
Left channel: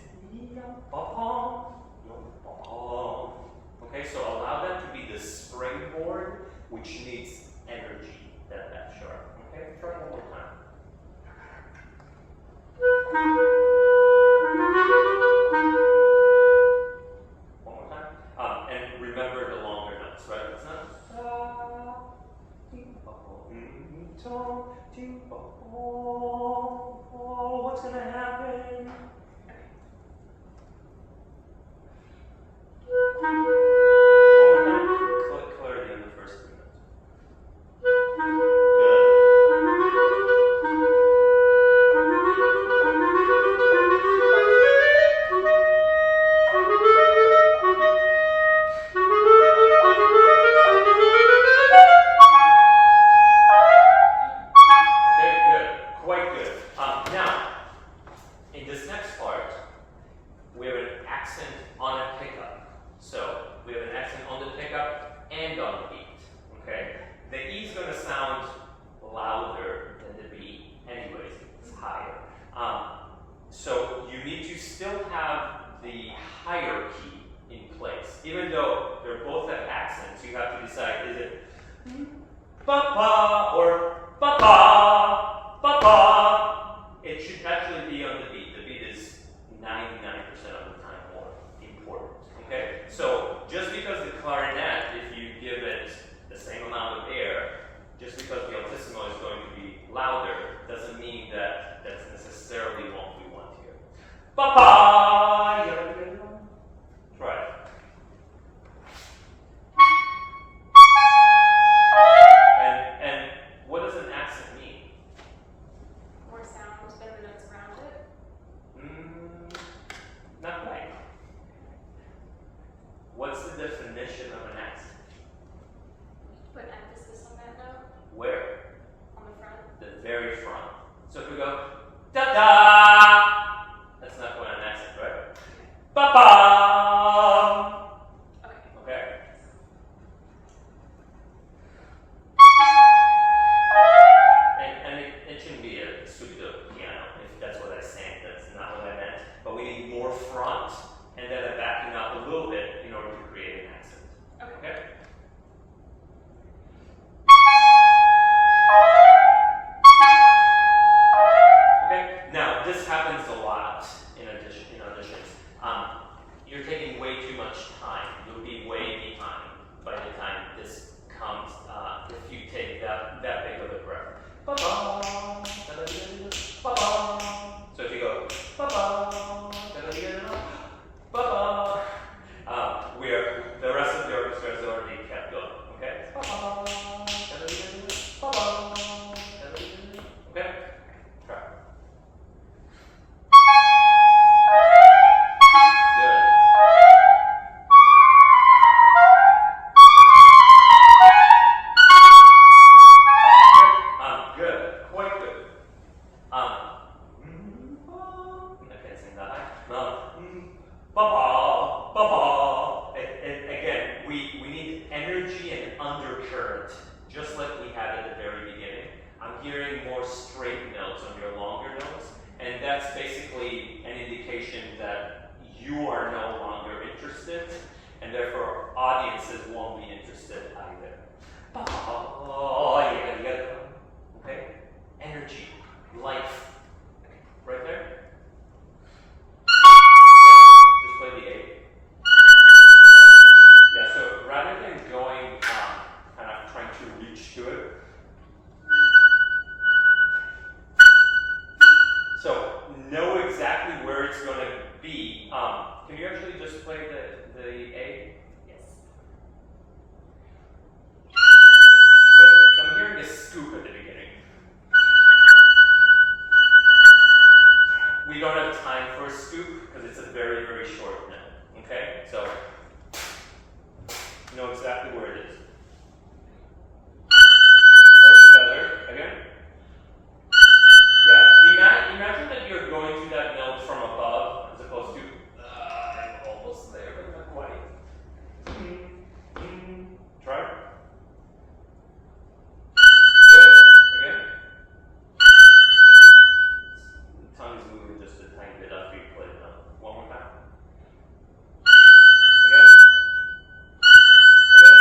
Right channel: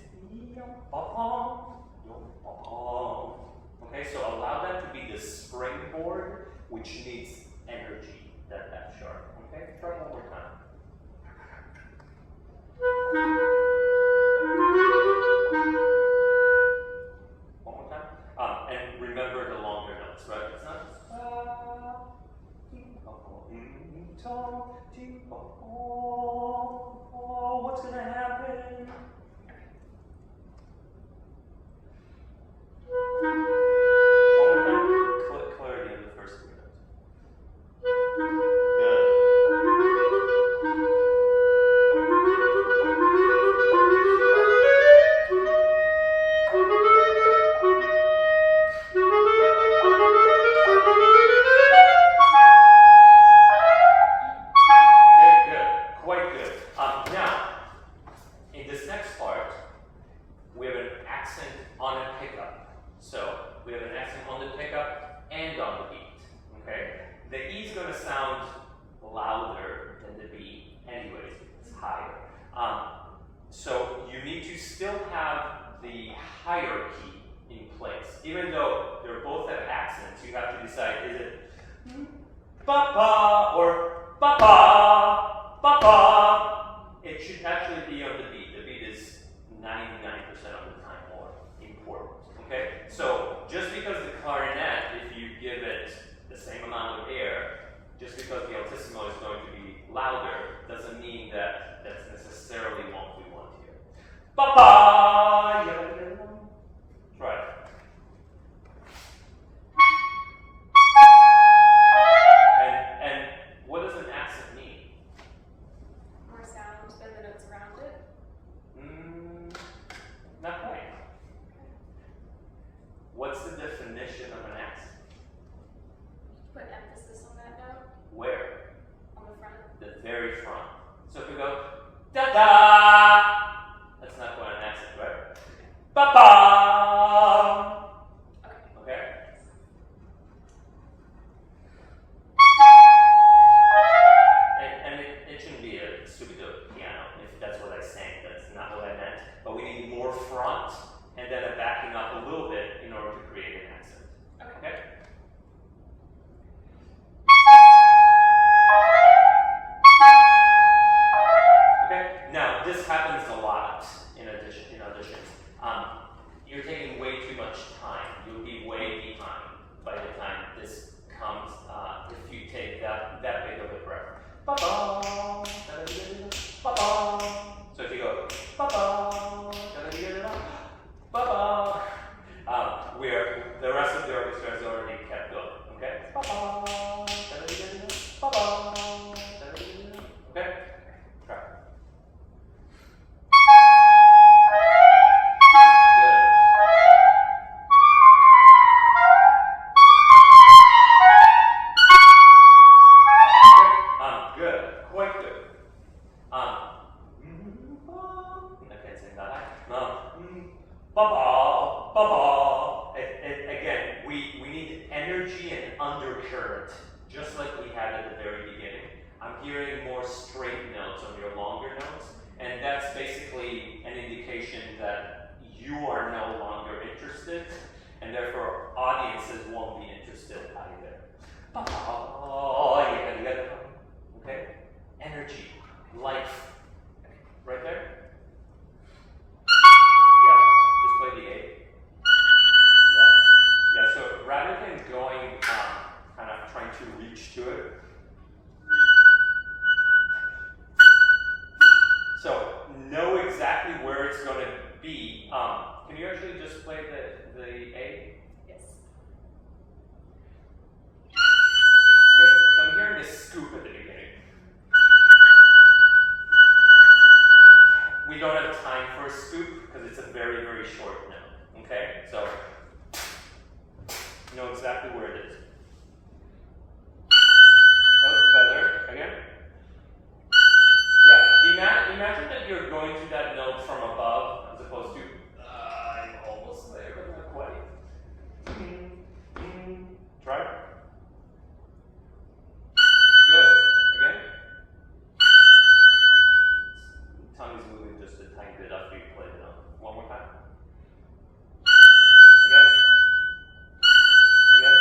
okay, so allow that to be the springboard, which needs energy, that F sharp. Okay, try one more time. One more time. And remember the longer notes, right? It's not what's gonna happen? One more time. Clarity in the first 3 notes. So you need to still have the hierarchy in place. Even though they both have accents, you have to decide, is it ba-ba or ba-ba, ba-ba? It should actually be on the beat. The beat is 99% of the time more important, okay? So just because the clarinet, if you give it the same amount of air, just because the altissimo is going to be louder, doesn't mean that that's necessarily what we want here. Ba-ba! Try it. And what does an accent mean? More sound than the notes around it. Not quite. What's the definition of an accent? Put emphasis on that note. Where? On the front. The very front. So if we go da-da, that's not quite an accent, right? Ba-ba. Okay. Okay. And it shouldn't be a stupido piano if that's what I sang. That's not what I meant. But we need more front and then a backing up a little bit in order to create an accent. Okay? Okay? Now, this happens a lot in auditions. You're taking way too much time. You'll be way behind by the time this comes, if you take that big of a breath. Ba-ba, ba-ba. So if you go, ba-ba, ba-ba, where the rest of the orchestra has already kept going, okay? Ba-ba, ba-ba, okay? Try. Good. Good. Quite good. I can't sing that high. Ba-ba, ba-ba. Again, we need energy and undercurrent, just like we had at the very beginning. I'm hearing more straight notes on your longer notes, and that's basically an indication that you are no longer interested, and therefore audiences won't be interested either. Okay? Energy, life. Right there? Yeah, just play the A. Yeah, so rather than going, kind of trying to reach to it. So, know exactly where it's going to be. Can you actually just play the A? Yes. Okay, so I'm hearing this scoop at the beginning. We don't have time for a scoop because it's a very, very short note. Okay? So, you know exactly where it is. That's better. Again? Yeah, imagine that you're going to that note from above as opposed to, I'm almost there, but not quite. Try. Good. Again. Tongue is moving just a tiny bit after you play it up. One more time. Again. Again.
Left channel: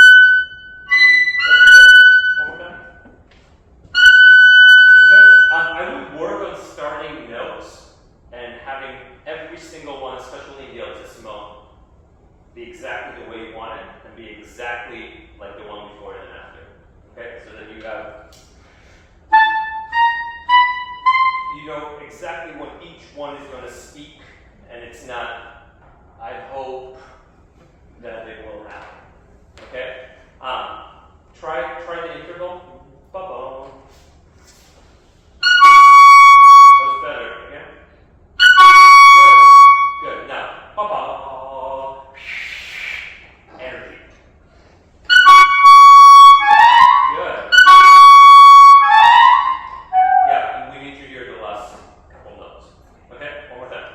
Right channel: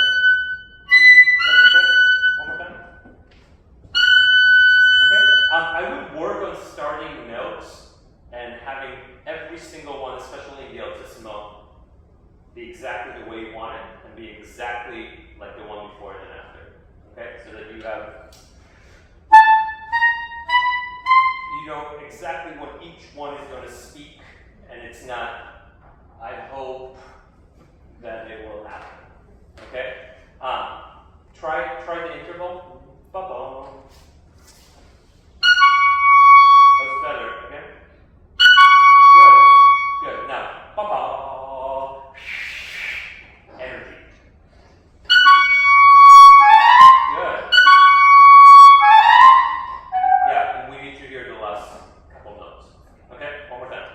One more time. Okay. I would work on starting notes and having every single one, especially in the altissimo, be exactly the way you want it and be exactly like the one before and after. Okay? So that you know exactly what each one is going to speak, and it's not, I hope that it will happen. Okay? Try the interval. Ba-boom. That was better. Again. Good. Now, ba-ba. Energy. Good. Yeah, and we need to hear the last couple notes. Okay, one more time.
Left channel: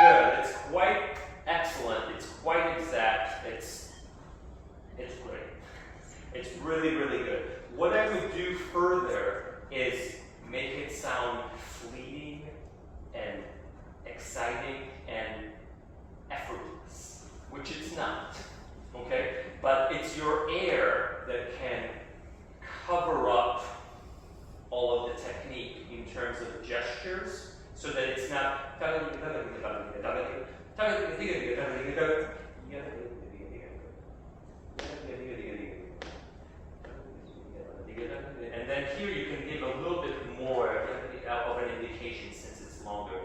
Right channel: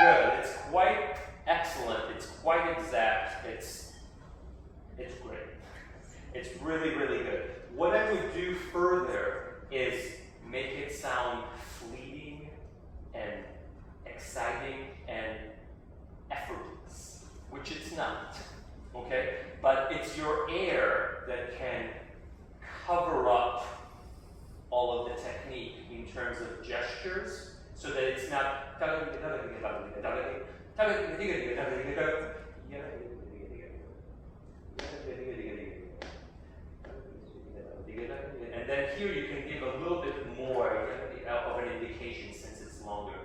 Good. It's quite excellent. It's quite exact. It's great. It's really, really good. What I would do further is make it sound fleeting and exciting and effortless, which it's not, okay? But it's your air that can cover up all of the technique in terms of gestures so that it's not and then here you can give a little bit more of an indication since it's longer.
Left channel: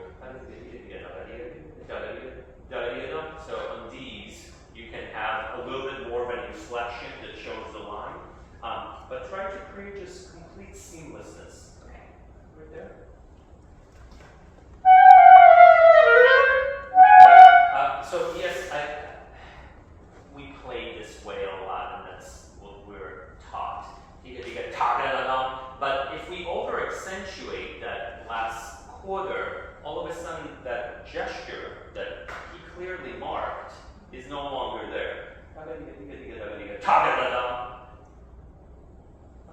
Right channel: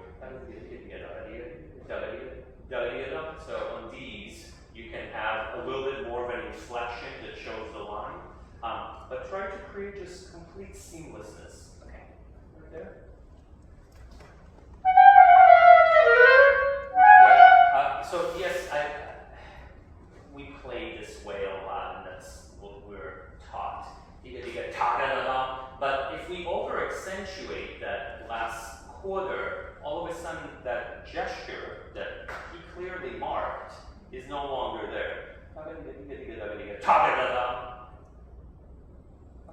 So on these, you can have a little bit more of an inflection that shows the line, but try to create just complete seamlessness. Okay, right there. Right. So yes, we play this way a lot, and that's what we're taught. But if we over accentuate that last quarter, all of a sudden that gesture that he clearly marked is no longer there. I'm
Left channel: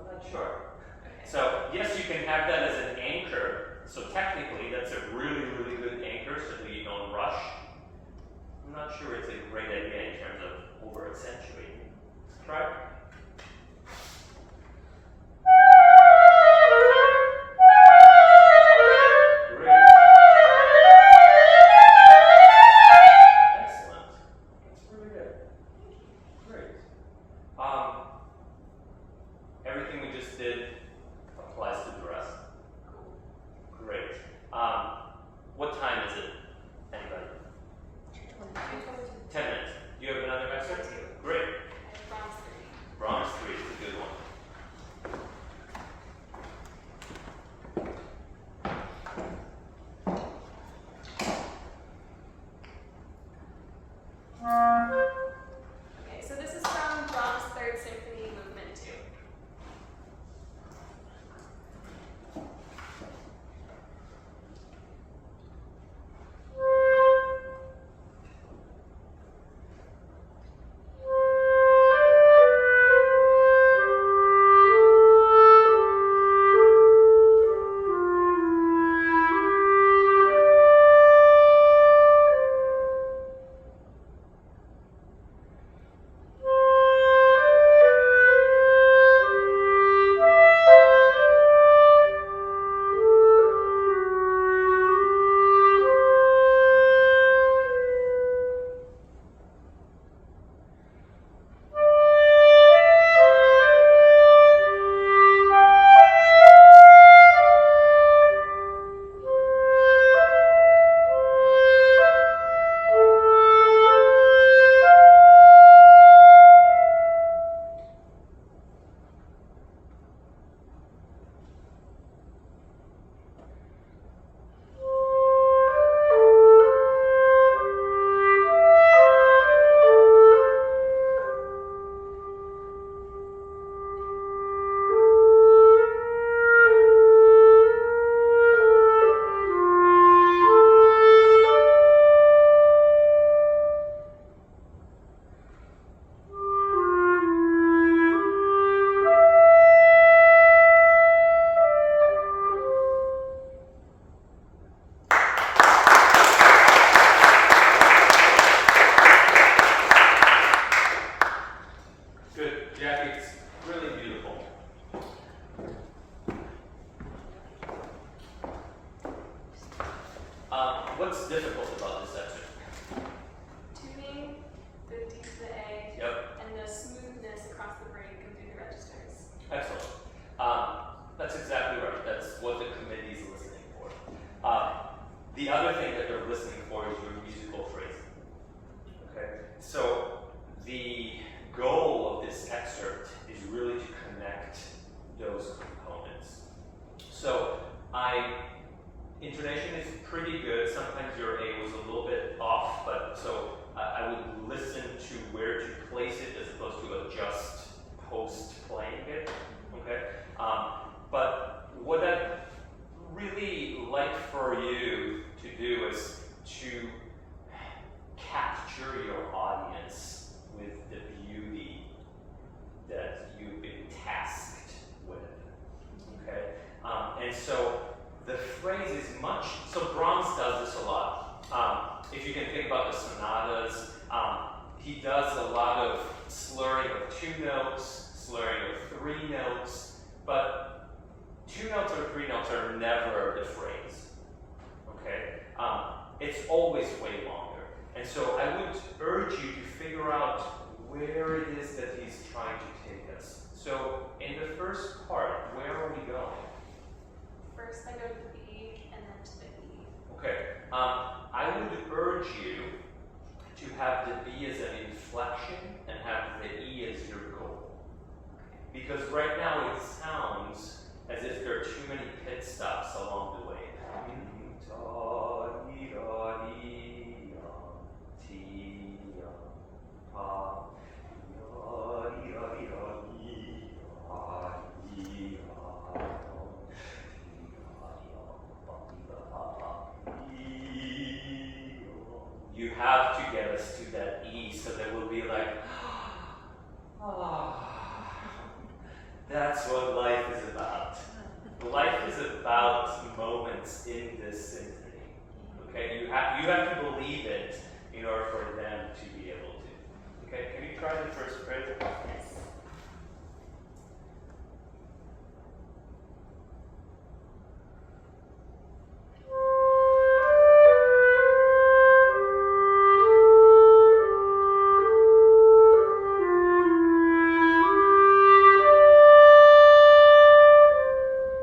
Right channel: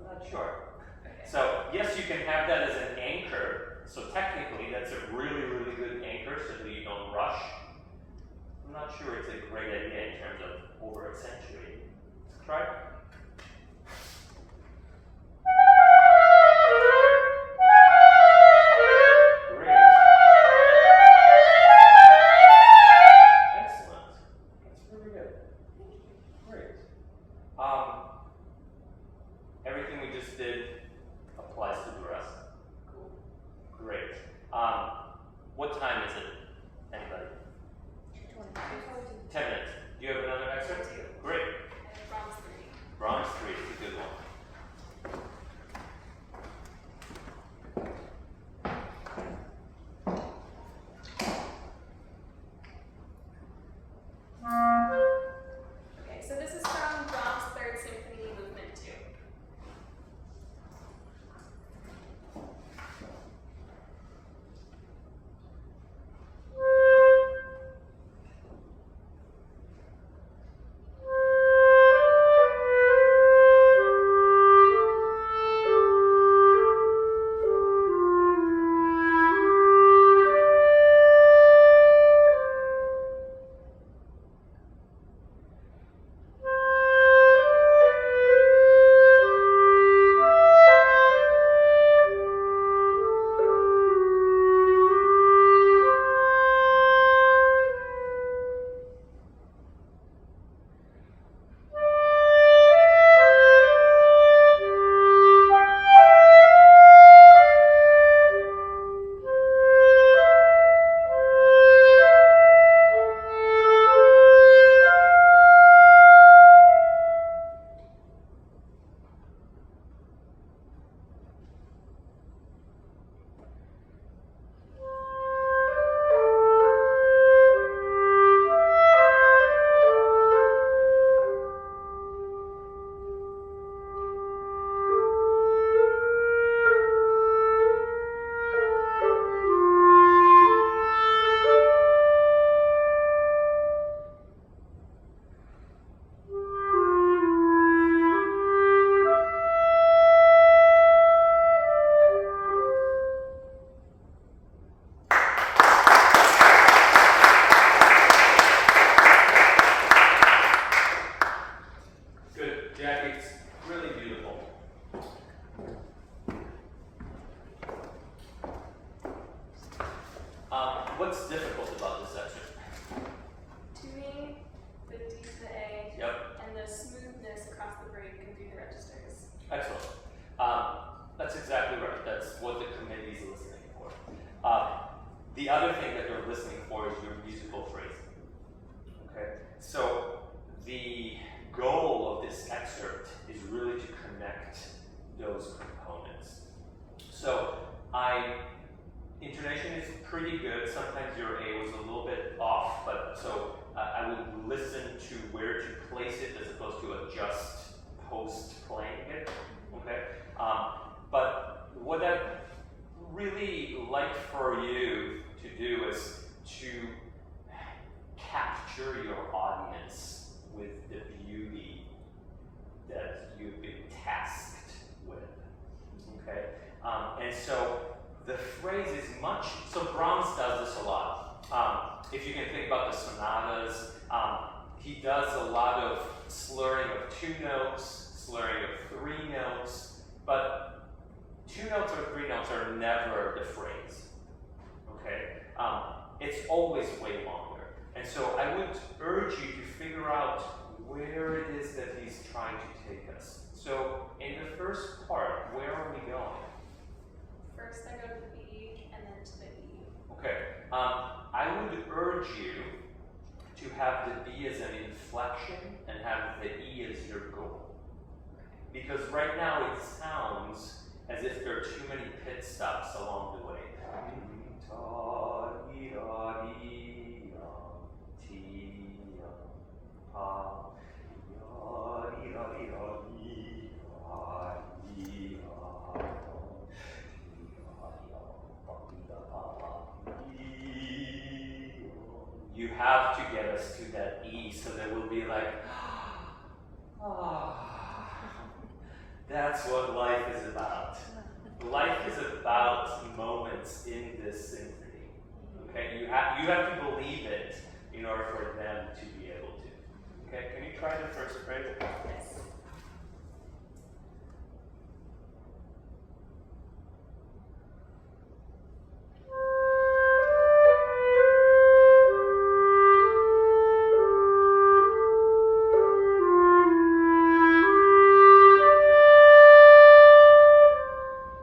not sure. So yes, you can have that as an anchor. So technically, that's a really, really good anchor so that you don't rush. I'm not sure it's a great idea in terms of over accentuating. Try. Great. Excellent. That's really good. Great. Everything we just did applies to the rest. Cool. Great. What time is it? Anybody? 10 minutes. Do you have another excerpt? Great. Brahms 3 is a good one. Okay, so this is from Brahms' Third Symphony, Movement 2. okay? But what I'd really like for you to do is to capture your audience with the beauty that you've been tasked with, okay? And so the phrase is much, so Brahms does this a lot. If you can think about the sonatas, he does a lot of slurring of 2 notes, slurring of 3 notes, but 2 notes or 3 notes are never the phrase, okay? It's always way longer. And so I would urge you to figure out where it is that he's trying to take us. So in the first part, where are we going? First I go to the B and then to the E. Okay, I would urge you to have the B as an inflection and have the E as your goal. Because right now it sounds as if there are too many pit stops along the way. You have to get us to that E so that we'll be like, that's what life is about. Life is about moments in this symphony. Okay, you have to believe it in order for them to be able to. Okay, can you try the first phrase? Yes.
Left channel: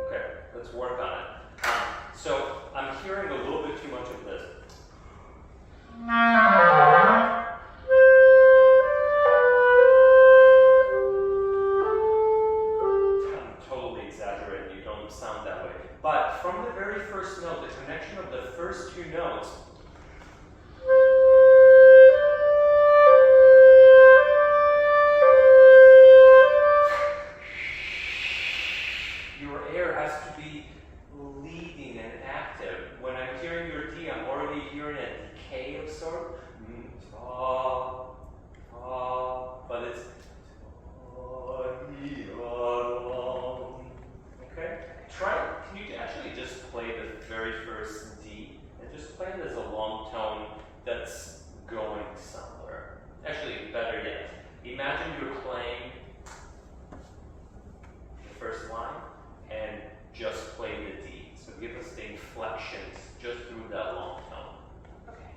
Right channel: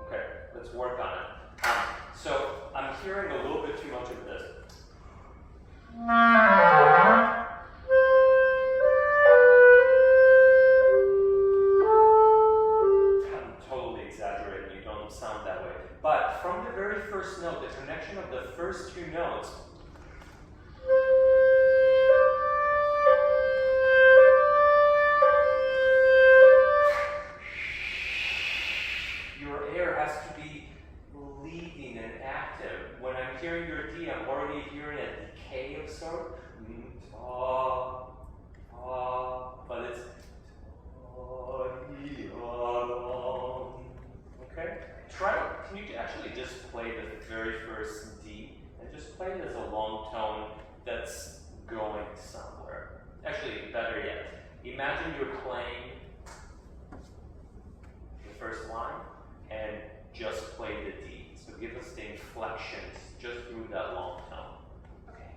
Okay, let's work on it. So I'm hearing a little bit too much of this. I'm totally exaggerating, you don't sound that way. But from the very first note, the connection of the first 2 notes, your air has to be leading and active. When I'm hearing your D, I'm already hearing a decay of sort. But it's okay. Try. Can you actually just play the very first D and just play it as a long tone that's going somewhere? Actually, better yet, imagine you're playing the first line and just play the D. So give us the inflections just through that long tone. Okay.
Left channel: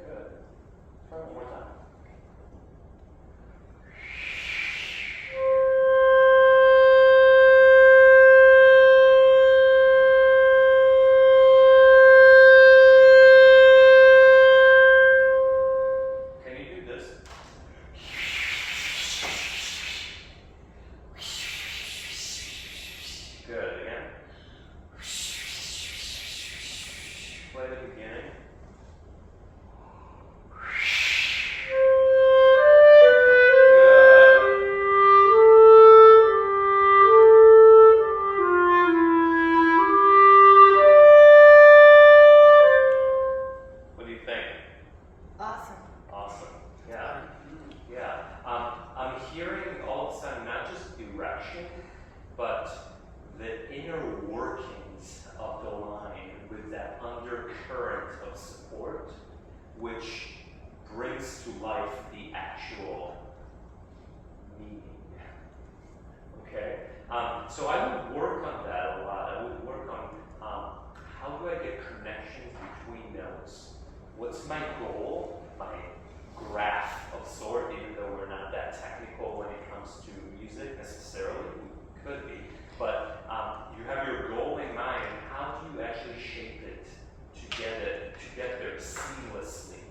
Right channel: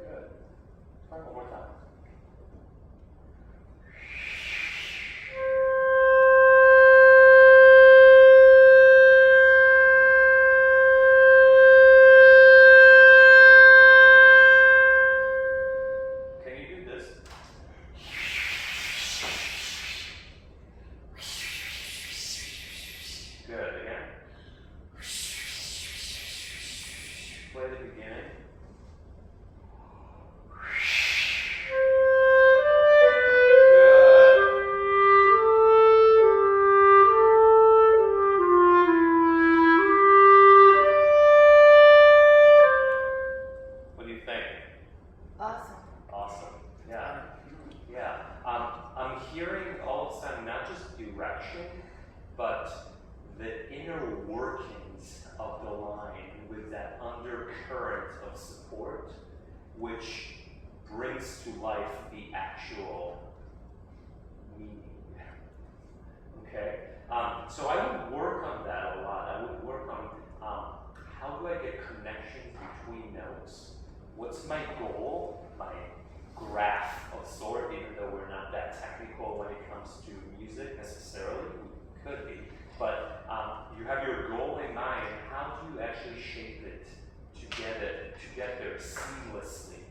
Good. Try one more time. Can you do this? Good. Again. Play the beginning. Good. What do you think? Awesome. Awesome. Yeah. Yeah. I'm hearing all of a sudden not just direction, but the inner workings of the line with that undercurrent of support, which brings to life the actual meaning. Okay? So I would work on that a lot. I would work on how do I get connections between notes? What's my goal? My graph of sort, even though we're not that technical when it comes to music necessarily, we could be. But you have your goal in mind. How do you actually shape it to get there seamlessly,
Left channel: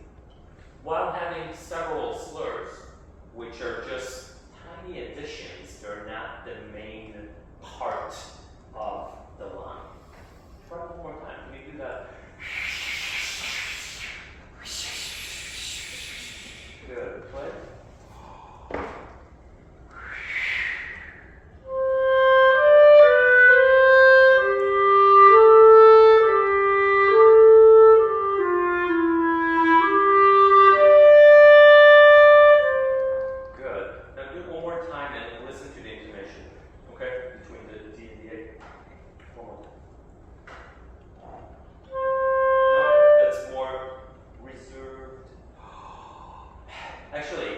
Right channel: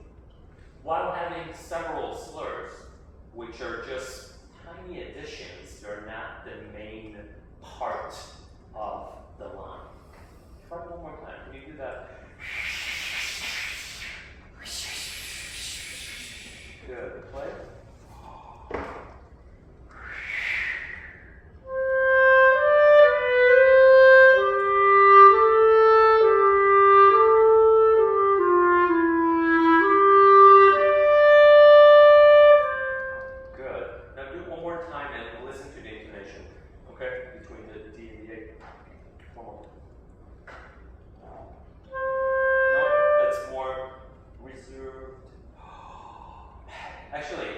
while having several slurs, which are just tiny additions. They're not the main part of the line. Try one more time. Can you do that? Good. Play. Good. Now do it one more time and listen to the intonation. Okay? Between the D and the A. One more. No, that's more reserved. Actually,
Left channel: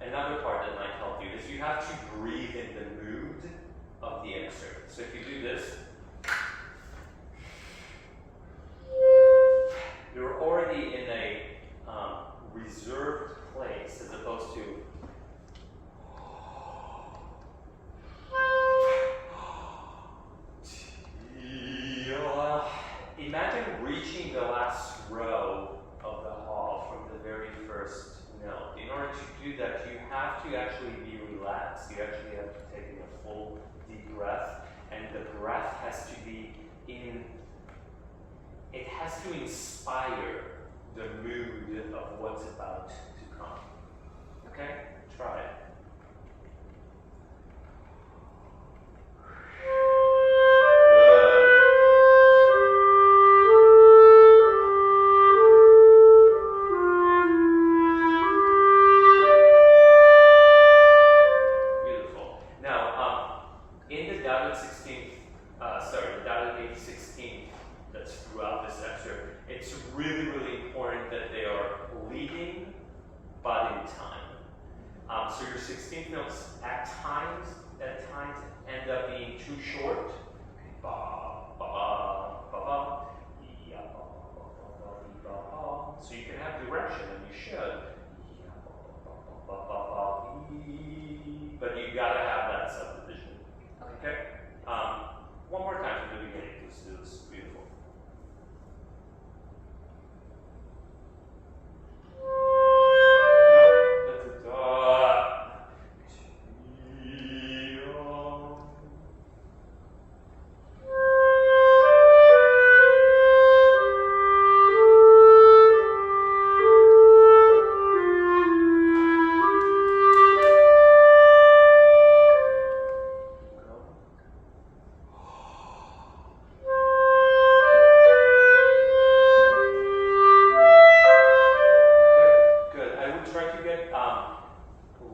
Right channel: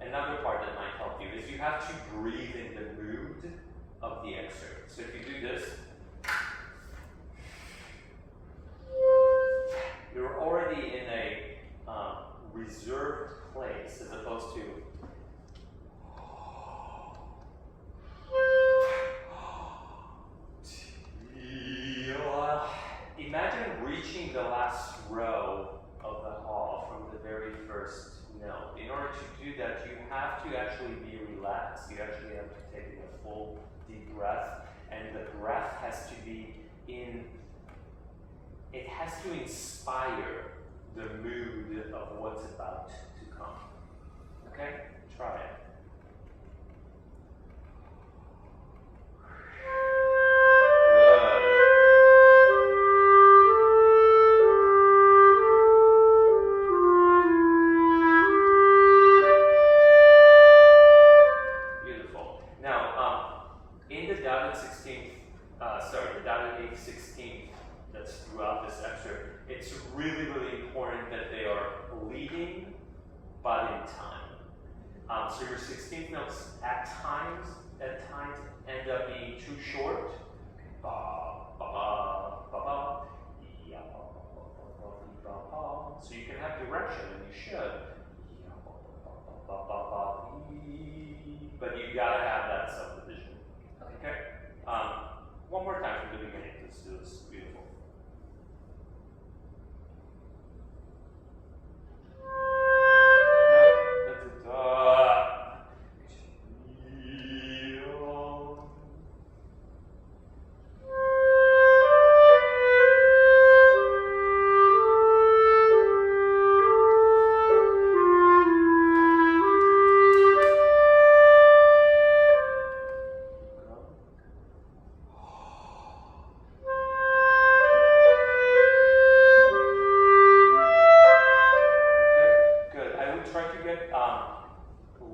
another part that might help you is you have to breathe in the mood of the excerpt. So if you do this, you're already in a reserved place as opposed to imagine reaching the last row of the hall from the very first note. In order to do that, you have to actually be relaxed. You actually have to take in a full deep breath, and the breath has to be it has to inspire the mood of what's about to come. Okay? Try it. It's really, really important that they are leading, but in time. So your 16th notes at times end up being too short. Ba, ba, ba, ba, ba, ya, ba, ba, ba, ba, ba, ba. So you can have direction, and you should. Ya, ba, ba, ba, ba, ba, ba, ee. But you gotta have that subdivision. Okay? One more time from the beginning. Let's do this. Beautiful.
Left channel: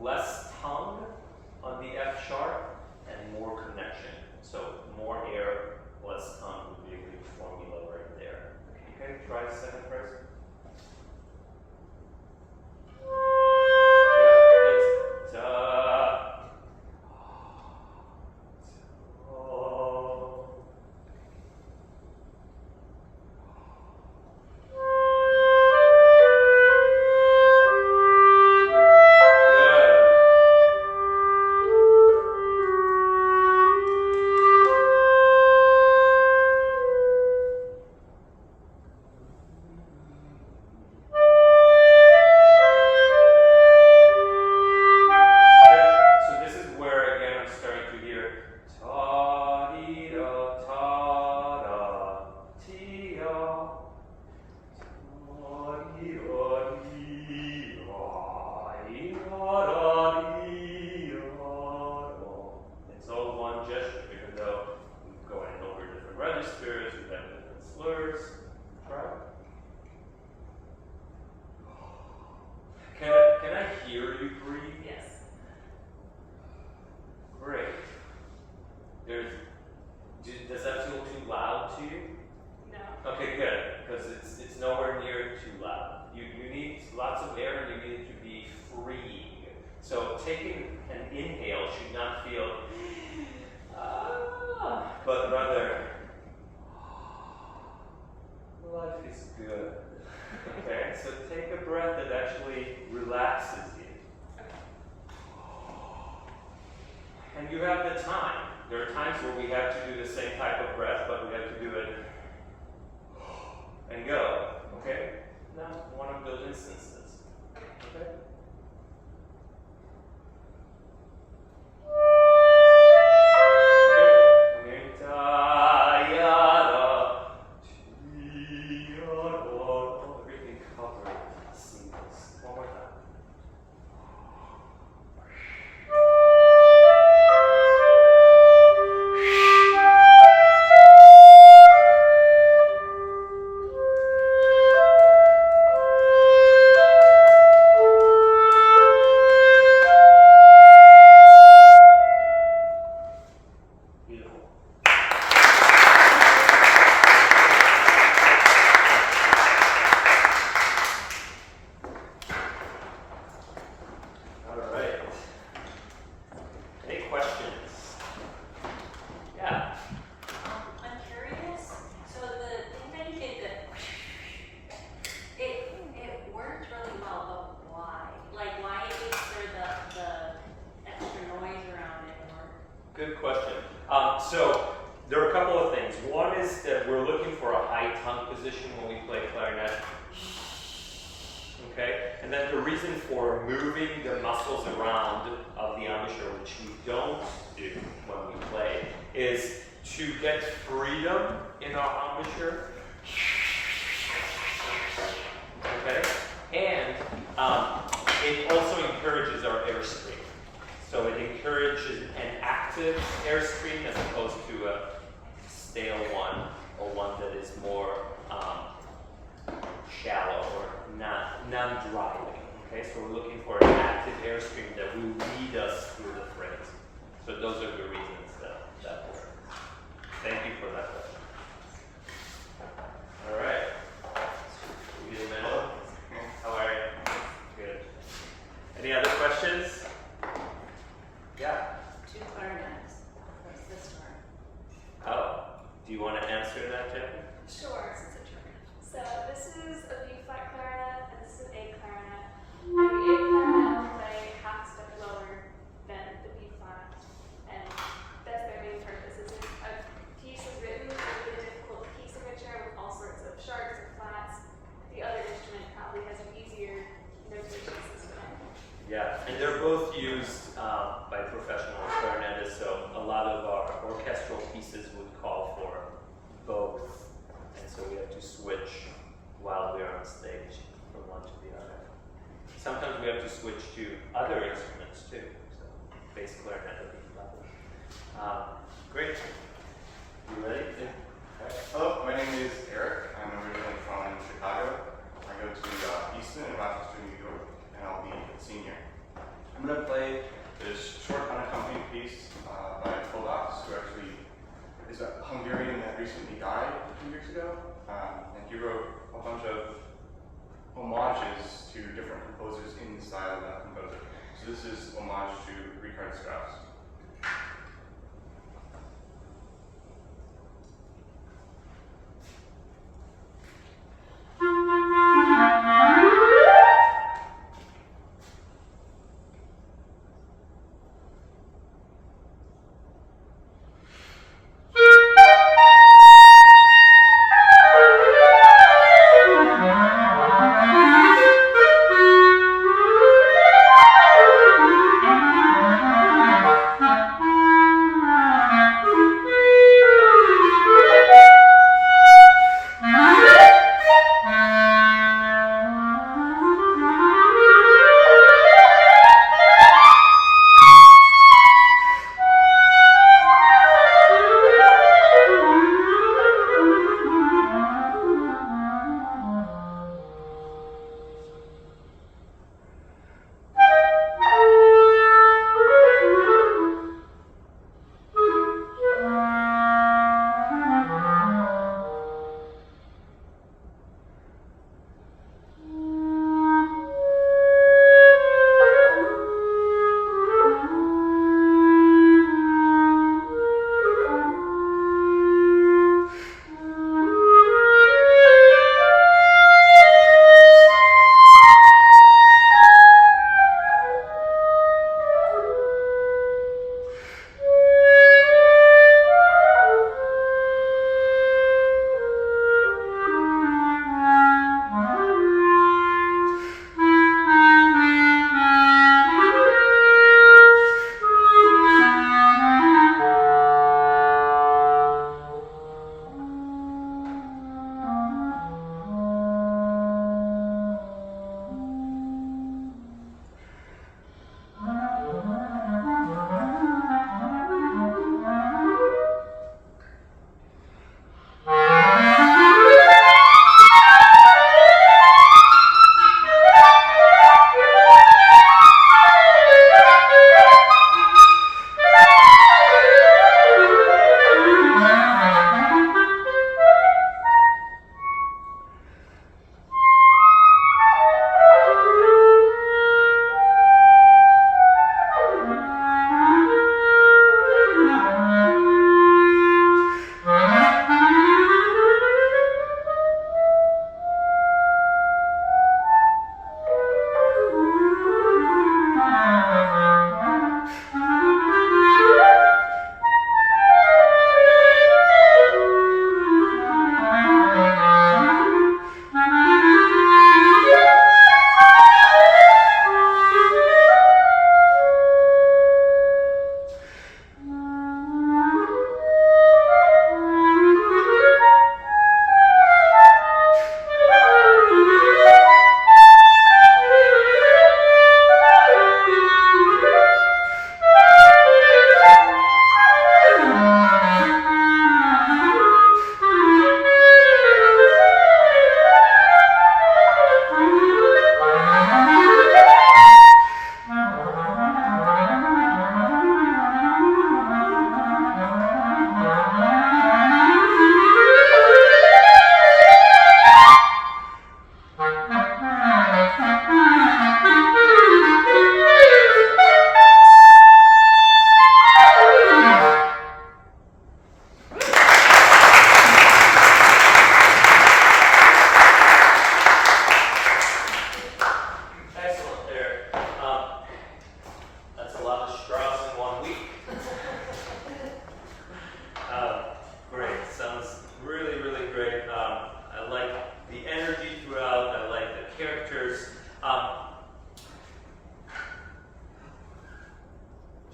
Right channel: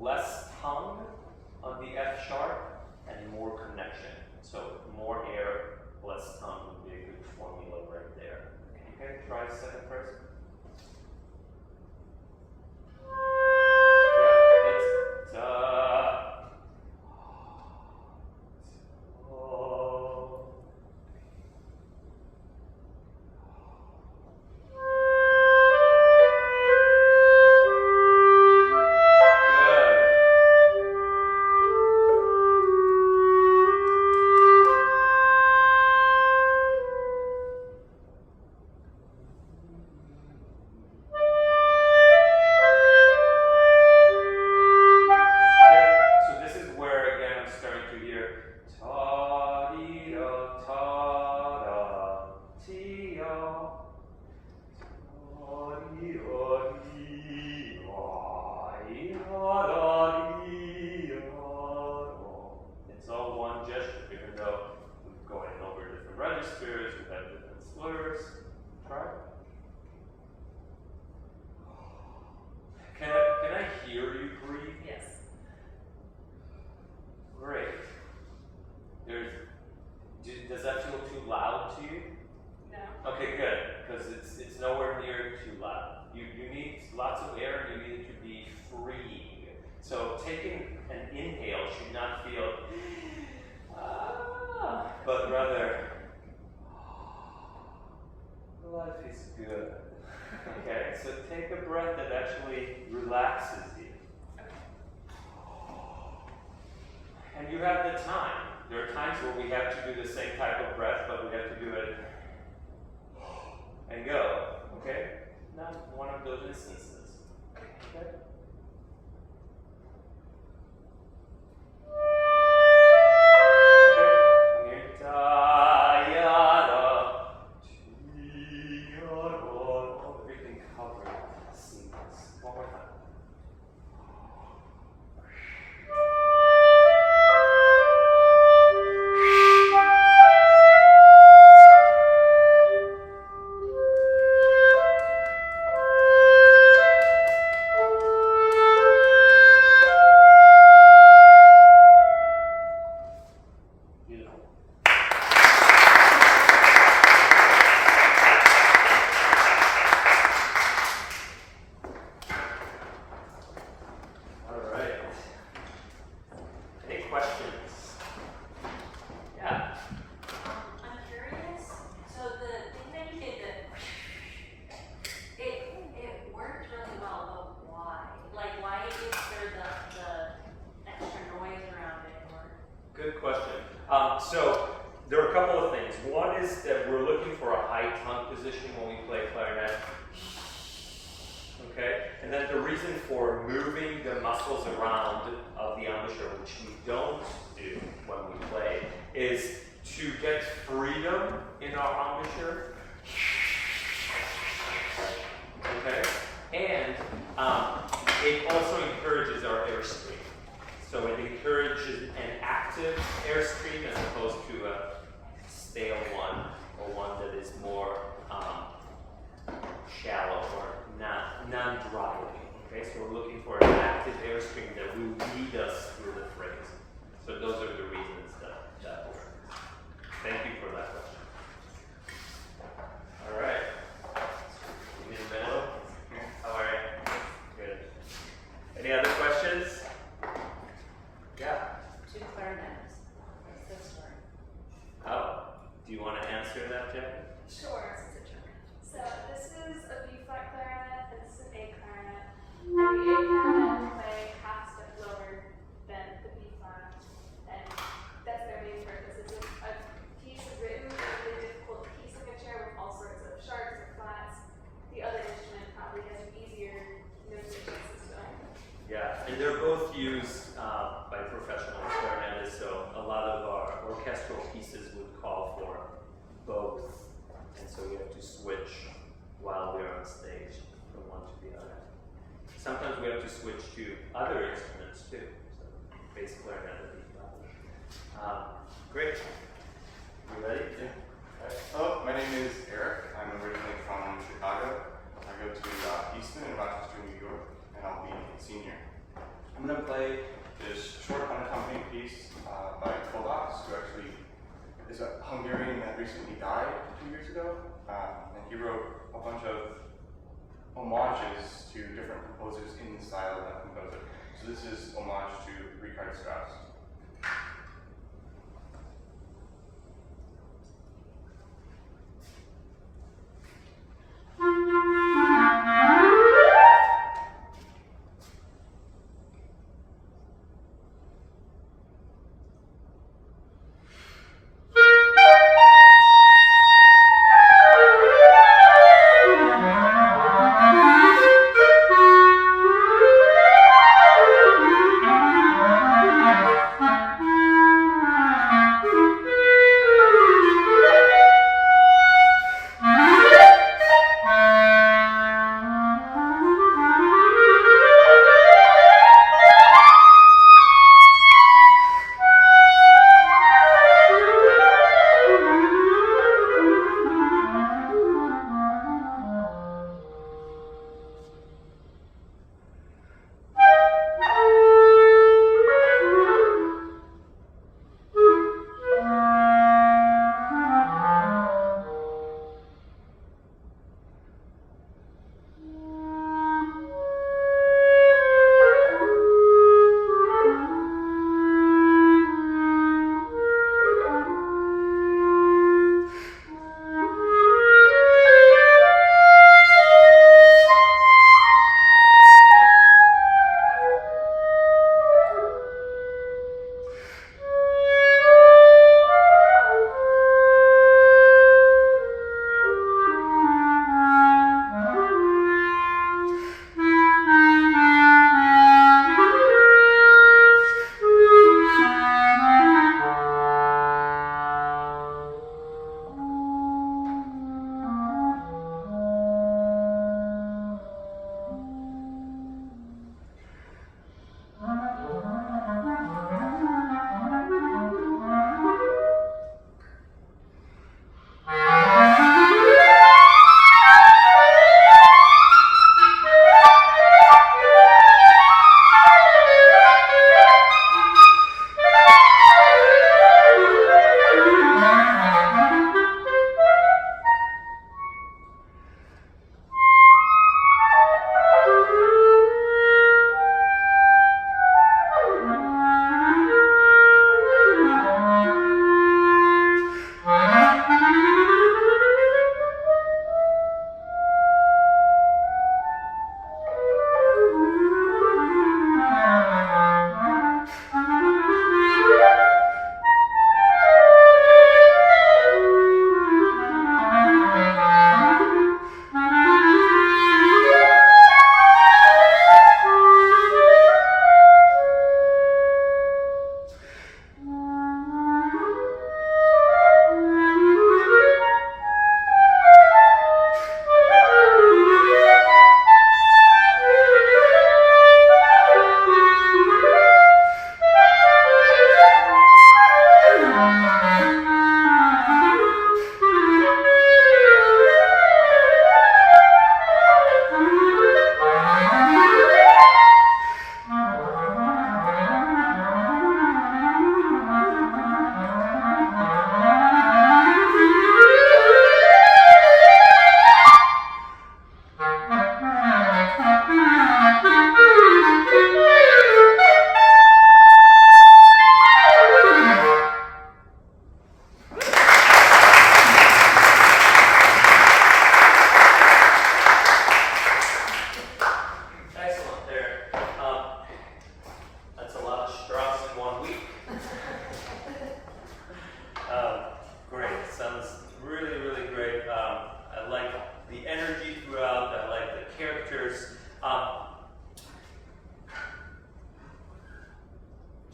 Less tongue on the F sharp and more connection. So more air, less tongue would be a good formula right there. Okay, try the second verse. Yeah, that's da. Can I hear you breathe? Yes. Great. Does that feel too loud to you? No. Okay, good, because it's nowhere near too loud. You need lots of air and you need it to be freeing. So taking an inhale should not feel but rather life is good. Okay, so take a breath that actually relaxes you. And you have the time. There are times where we have to do the same type of breath, but we have to do it and go. Okay? Not one of those instances. Okay? Okay. position when we play clarinet. Okay? And then the reason for moving the muscles around of the embouchure, which we don't do when we play, is to get freedom in our embouchure. Okay? And it also encourages our airstream. So it encourages an active airstream as opposed to a stale one, or one that is more shallow or non-driving. Okay, so we're looking for an active airstream that will lead us through the phrase. So those are the reasons that work. Thank you for that question. All right. Give me a minute. How are you? Good. Any other questions? Yeah. 2 clarinets. What's this one? Oh, do you want to answer that, Jackie? Sure, since it's your turn. So this is a B flat clarinet, and this is an A clarinet. And the A clarinet will play half a step lower than the B flat, and that's their main purpose. It's a piece written with a difficult key signature with all sorts of sharps or flats. The other instrument probably has an easier notation system. Yeah, and they're both used by professional clarinetists, so a lot of our orchestral pieces would call for both, and so we have to switch while we're on stage from one to the other. Sometimes we have to switch to other instruments too, so bass clarinet would be lovely. Great. You ready? Hello, my name is Eric. I'm originally from Chicago. I go to Easton in Rochester, New York, and I'll be a senior. I'm going to play this short unaccompanied piece by Kovacs, who actually is a Hungarian that recently died a few years ago. And he wrote a bunch of homages to different composers in the style of that composer. So this is homage to Richard Strauss.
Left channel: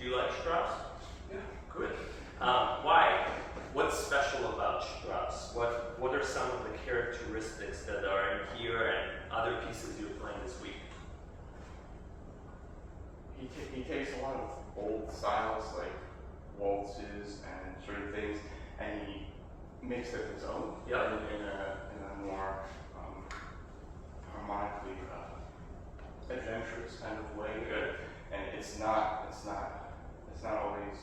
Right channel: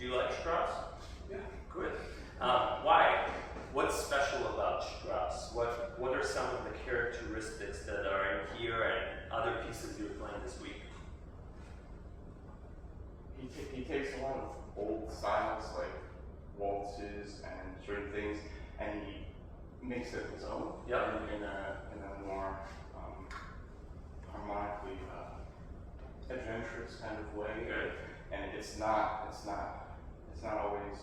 Do you like Strauss? Yeah. Good. Why? What's special about Strauss? What are some of the characteristics that are in here and other pieces you're playing this week? He takes a lot of old styles like waltzes and certain things, and he makes it his own. Yep. In a more harmonically adventurous kind of way. Good. And it's not always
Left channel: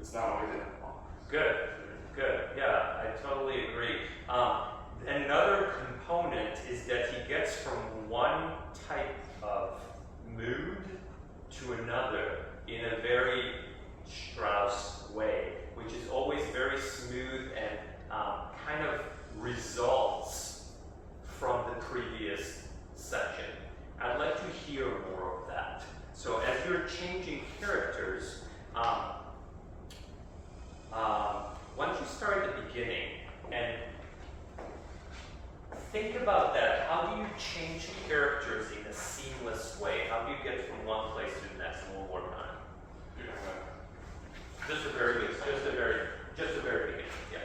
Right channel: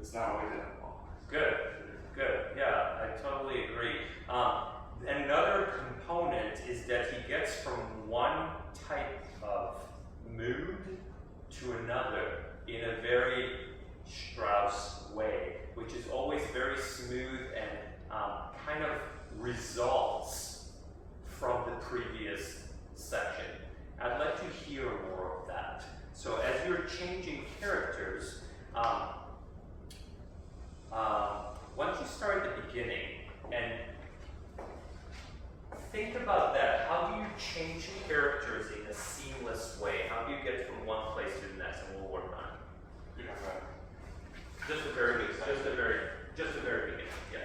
it's not always in a box. Good. Good. Yeah, I totally agree. Another component is that he gets from one type of mood to another in a very Strauss way, which is always very smooth and kind of results from the previous section. I'd like to hear more of that. So as you're changing characters, why don't you start at the beginning and think about that. How do you change characters in a seamless way? How do you get from one place to the next? And we'll work on it. Just the very beginning, yeah.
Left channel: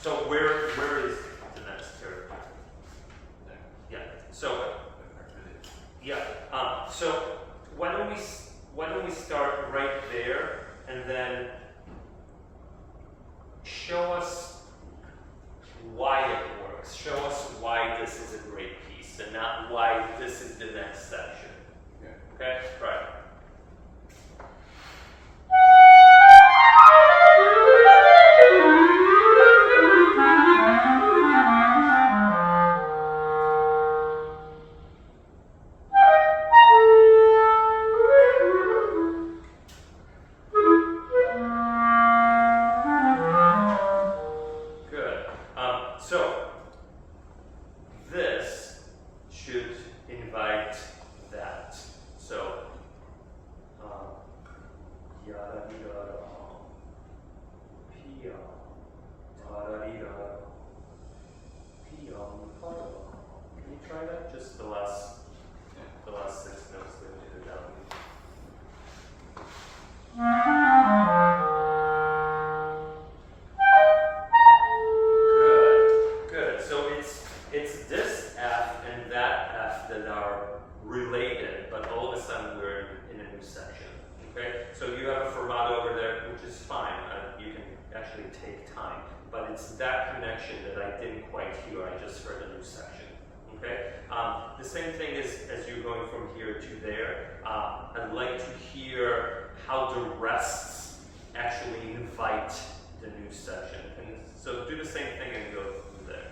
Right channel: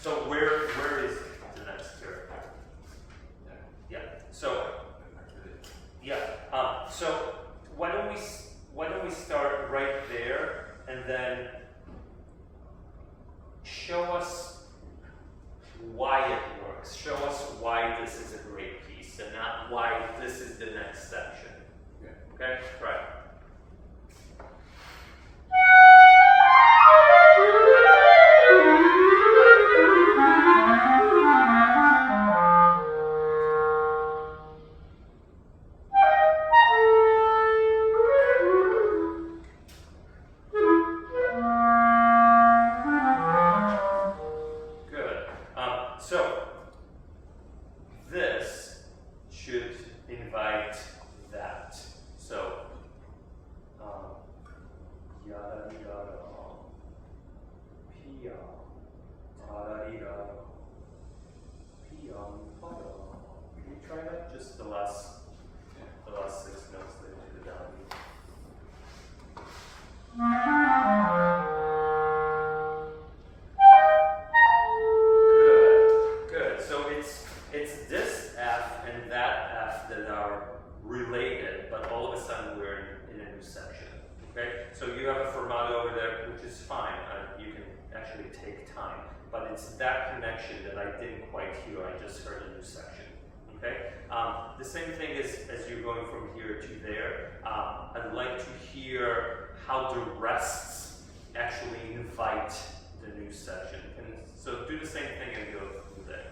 So where is the next character? Yeah. So so why don't we start right there and then show us why it works. Show us why this is a great piece and not why this is the next section. Yeah. Okay? Right. Good. So this should invite that. So yada yada pia da da pia pada. Can you try that? Just the last 6 notes that I did down. Good. So it's this F and that F that are related, but all of a sudden we're in a new section. Okay? So you have a fermato over there, which is fine. You can actually take time. But it's that connection that I didn't quite hear. I just heard a new section. Okay? The same thing is as you're going from here to there. I'd like to hear how the rests actually invite the new section. And so do the same thing and go through there.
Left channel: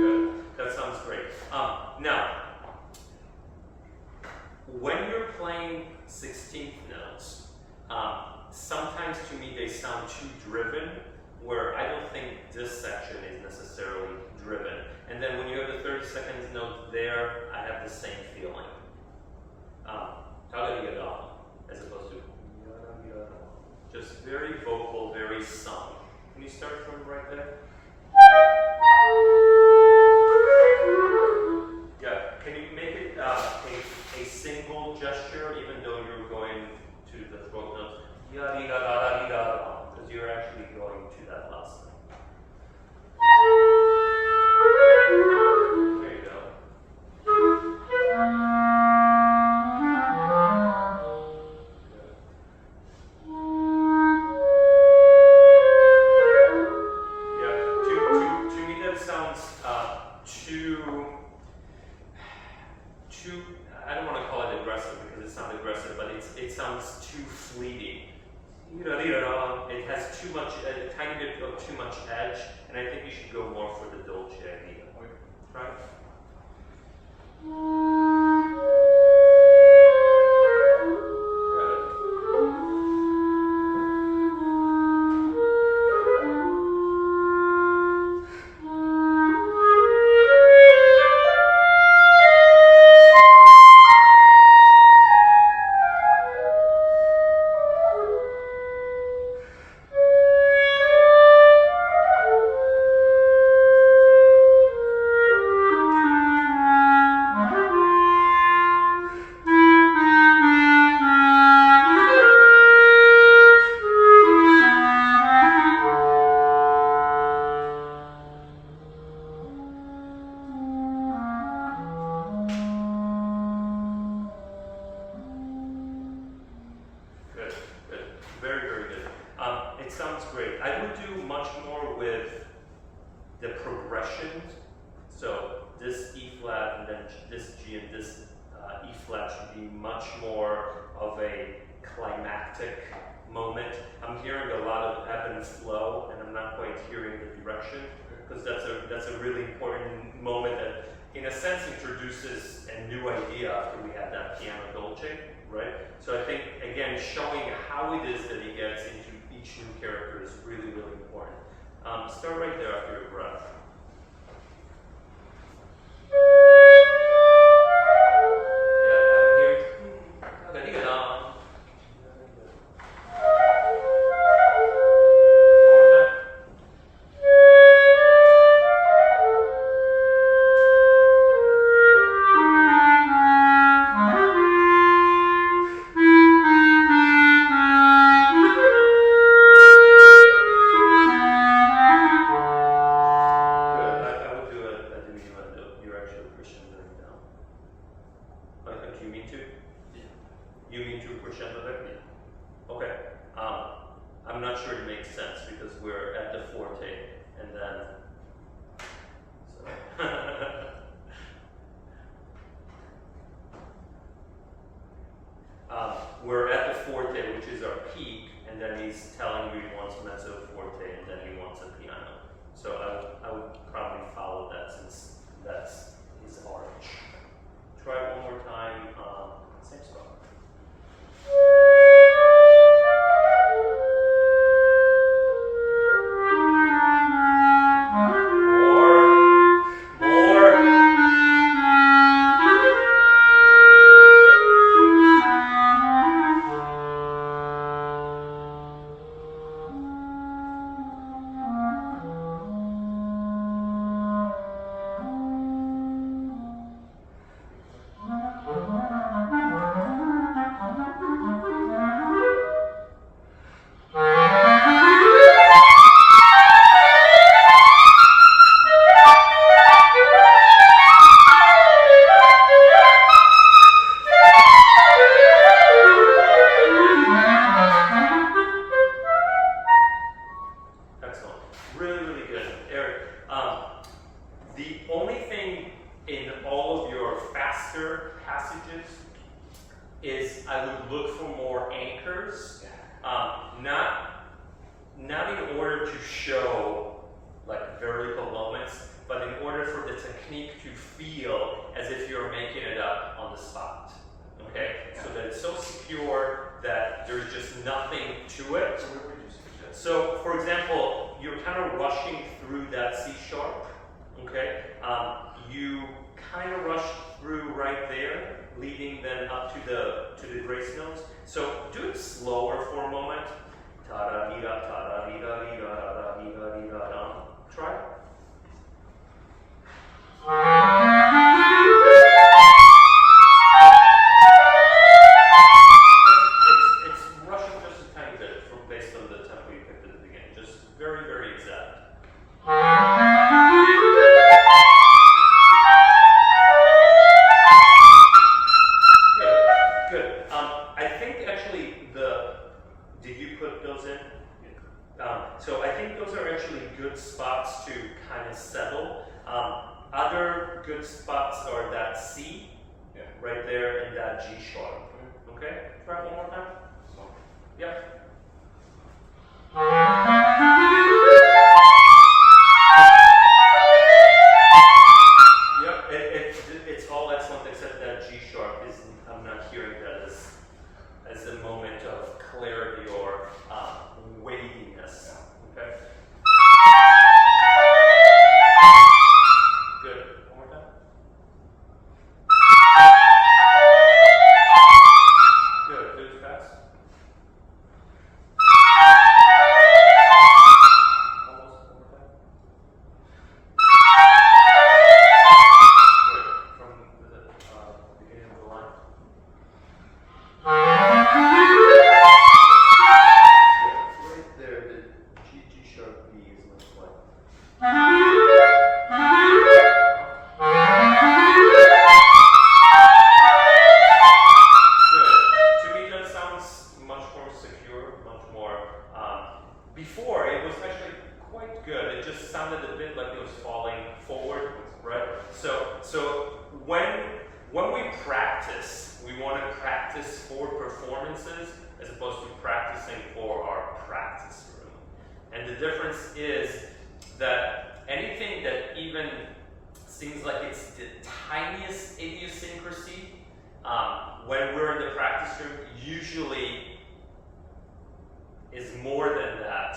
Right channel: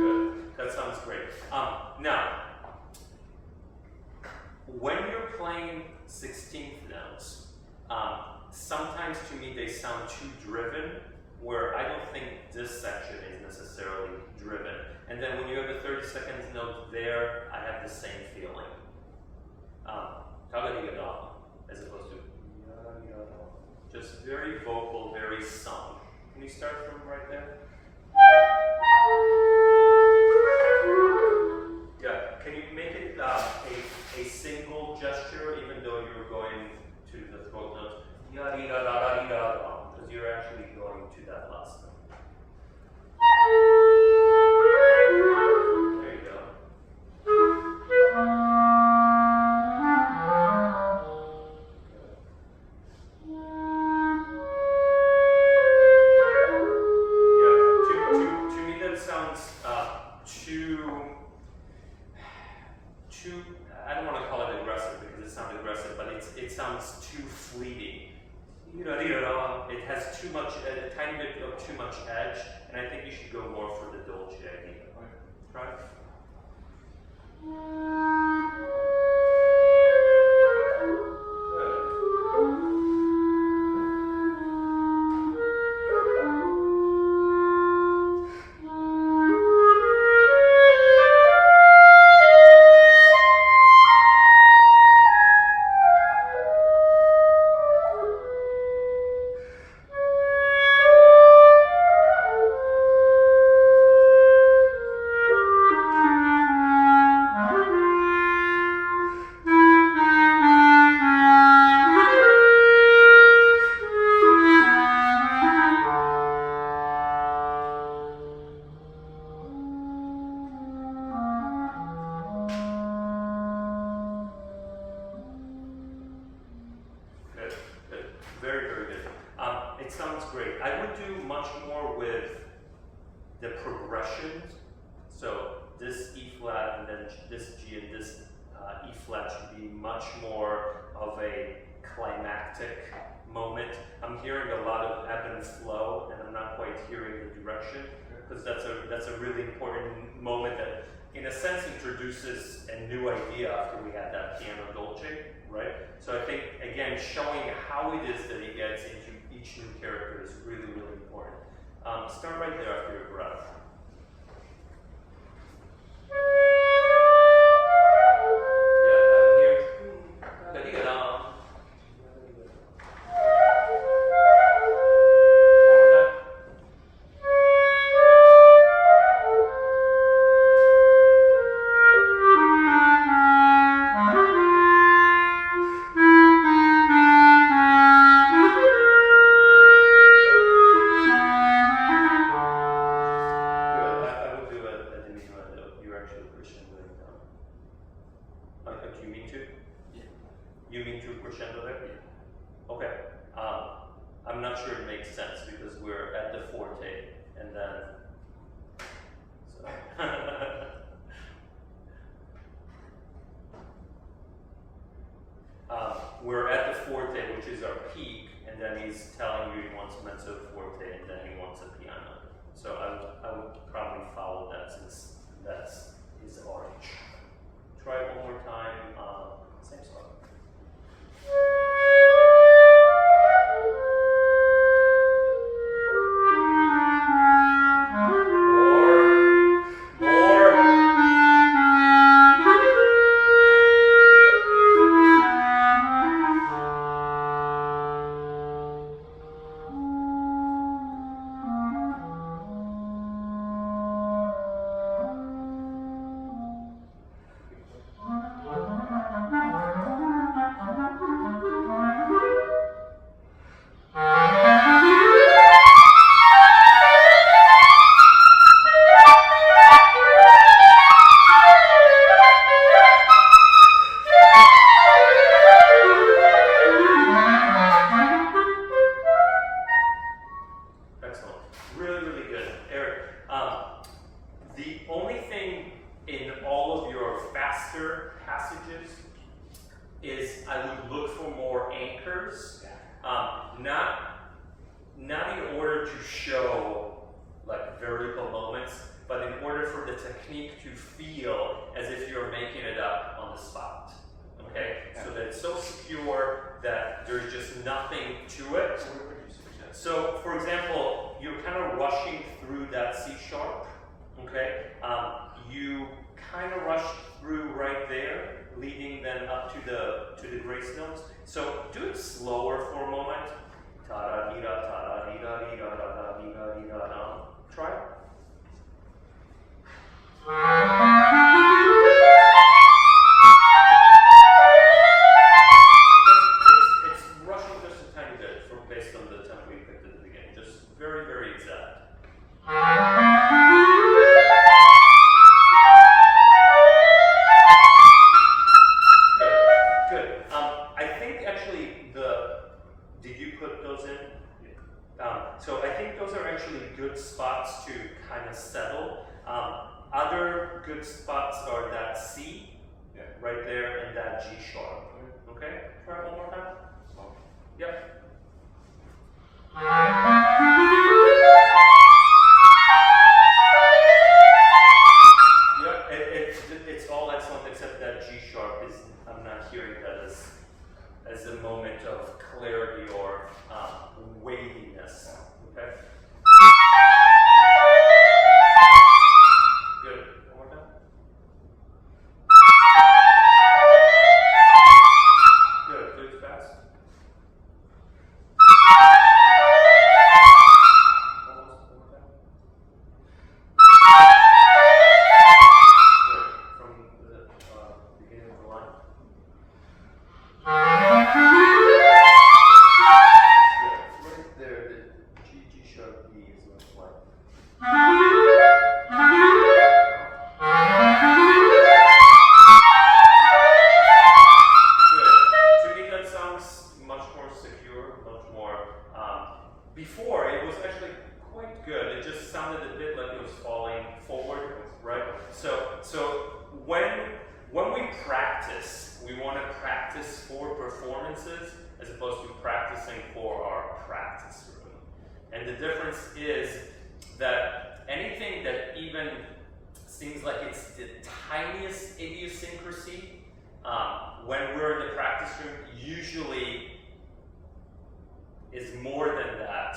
Good. That sounds great. Now, when you're playing 16th notes, sometimes to me they sound too driven, where I don't think this section is necessarily driven. And then when you have the 32nd note there, I have the same feeling. Tagarigadam, as opposed to just very vocal, very sung. Can you start from right there? Yeah, can you make it a single gesture, even though you're going to the throat notes? Because you're actually going to that last note. There you go. Yeah, to me that sounds too, I don't want to call it aggressive because it sounds aggressive, but it sounds too fleeting. It has too much, a tiny bit of too much edge, and I think you should go more for the dolce idea. Right? Good. it sounds great. I would do much more with the progressions. So this E flat and then this G and this E flat should be much more of a climactic moment. I'm hearing a lot of ebb and flow, and I'm not quite hearing the direction, because that's a really important moment that, in a sense, introduces a new idea after we had that piano dolce, right? So I think, again, showing how it is that he gets into each new character is really, really important. Start right there after your breath. We're at the forte, which is our peak, and then he's telling you he wants mezzo forte, and then he wants a piano. So I would probably follow that, since that's his arch. Try it one more time, same spot. So, for example, you're kind of rushing through that C sharp, okay? You kind of rush through right there, leading then up to the grace notes. So do it slower for a moment. Ta-da-dee-da, ta-da-dee-da-dee-da, ta-da-dee-da-dee-da-da. Try it. It's rushing just a tiny bit based on the tempo you picked at the beginning. Just very, very exact. Good. I think actually did you put those in? So I think those are actually good spots to kind of settle. Other good spots are that C, right there, and that G sharp. Okay? Try it one more time. Yep. Yep, it's all excellent except that G sharp is, I'm not hearing that as a moment of clarity or weightiness. Okay? Good. One more time. Good. Do it fast. Almost one more time. Good. From the beginning of the line. Yeah, right there, the G sharp. before, it was actually quite good. It just sounded a bit like it was falling forward, right? So when we practice, we want to practice for performances as opposed to practicing for our practice room. And the difference is that anything that even seems like it's the tiniest idiosyncrasy, when we're in the practice room, usually is more than that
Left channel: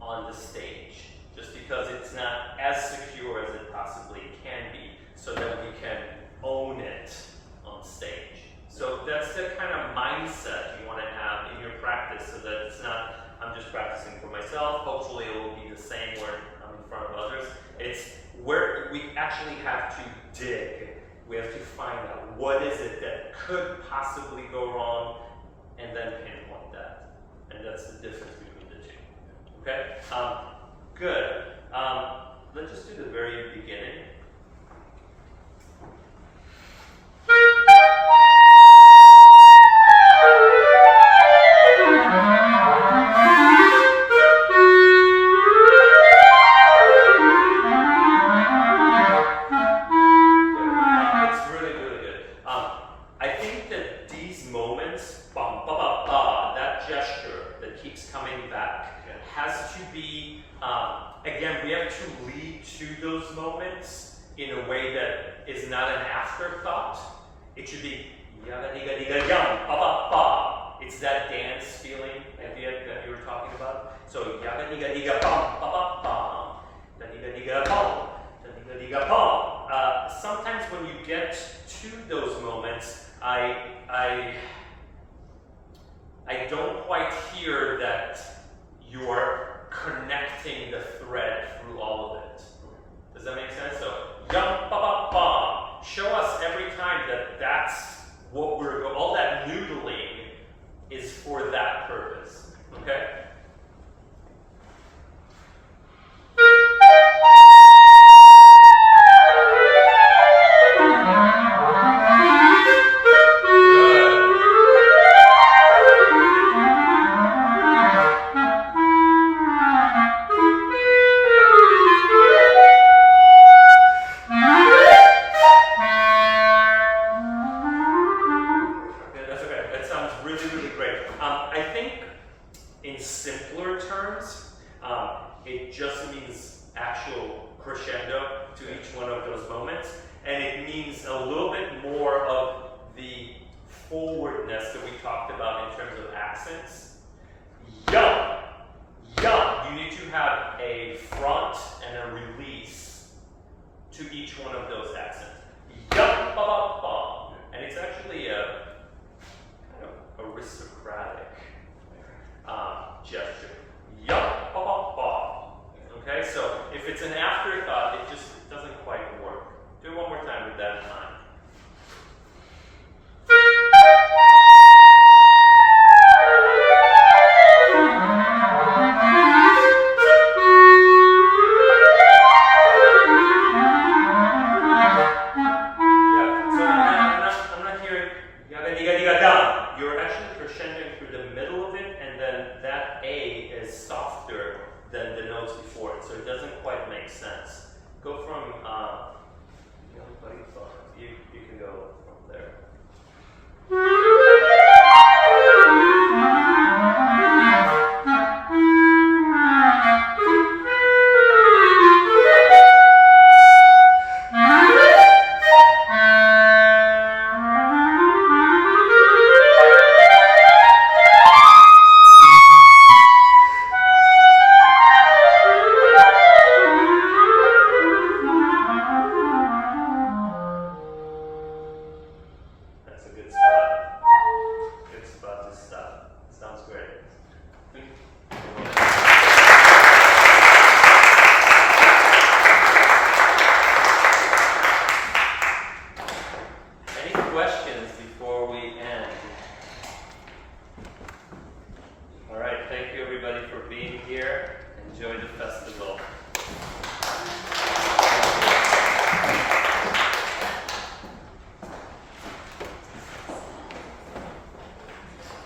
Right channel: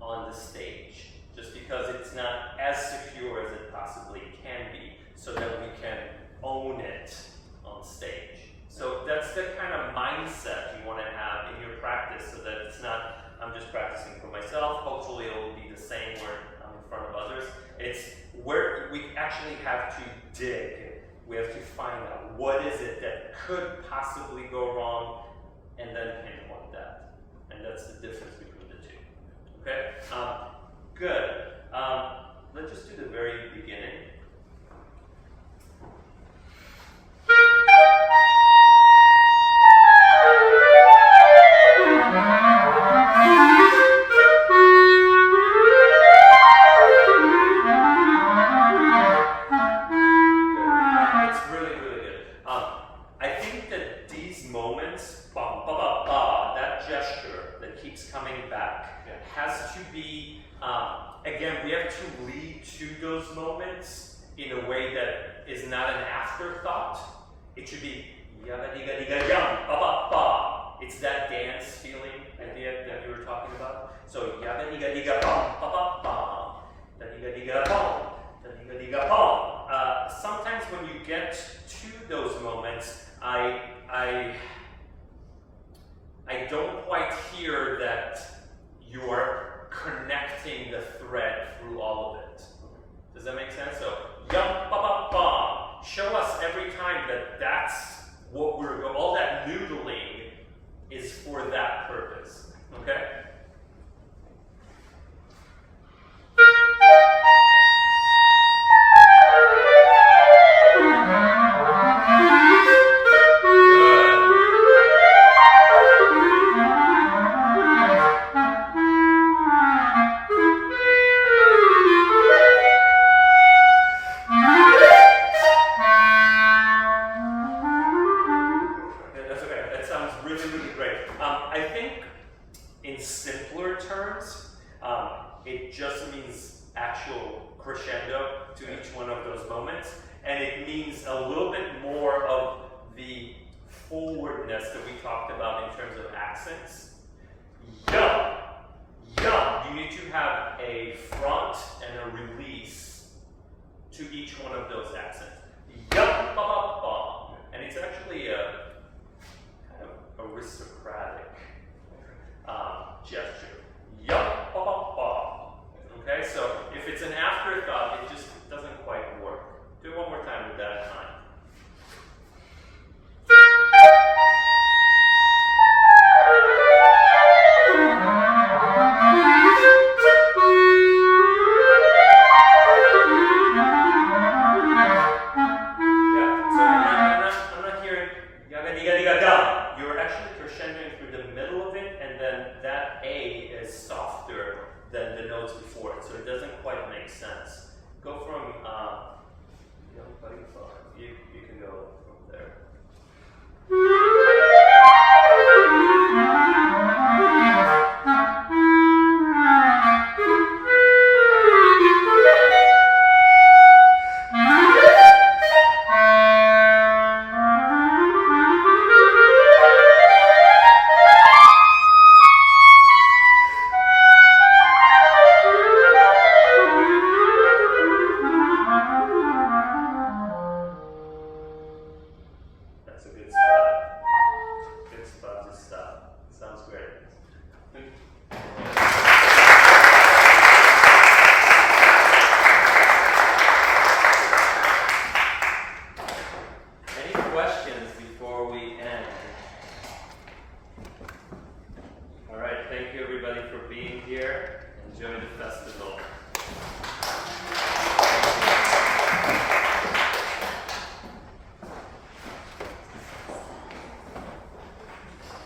on the stage, just because it's not as secure as it possibly can be, so that we can own it on stage. So that's the kind of mindset you want to have in your practice, so that it's not, I'm just practicing for myself. Hopefully it will be the same where I'm in front of others. It's where we actually have to dig. We have to find out what is it that could possibly go wrong, and then pinpoint that. And that's the difference between the two. Okay? Good. Let's just do the very beginning. That's really, really good. I think that these moments, ba, ba, ba, ba, that gesture that keeps coming back, has to be, again, we have to lead to those moments in a way that is not an afterthought. It should be yaga diga diga yum, ba ba ba. It's that dance feeling idea that you were talking about. So yaga diga diga bum, ba ba ba, da diga diga bum, da diga diga bum. Sometimes when you get to those moments, I don't quite hear that you are connecting the thread through all of it. Does that make sense? So, yum, ba, ba, ba. Show us every time that that's what we're, all that noodling is for that purpose. Okay? It just means actual crescendo to each one of those moments, and it means a little bit more of the forwardness that we talked about in terms of accents. Yum, yum. You need to have a front and a release to each one of those accents. Yum, ba, ba, ba. And it's actually a kind of aristocratic gesture. Yum, ba, ba, ba. Okay, so if it's an afterthought, it just doesn't quite work. Do it one more time with that in mind. Yeah, so I'm not hearing yaga diga diga dum. You're actually crescendoing through the middle of it, and then that A is softer than the notes before it, so it doesn't quite make sense. Go from you can go from there. That's a good spot. Good spot to stop. Sounds great. Any questions before we end? All right, thank you everybody for being here. Enjoy the festival.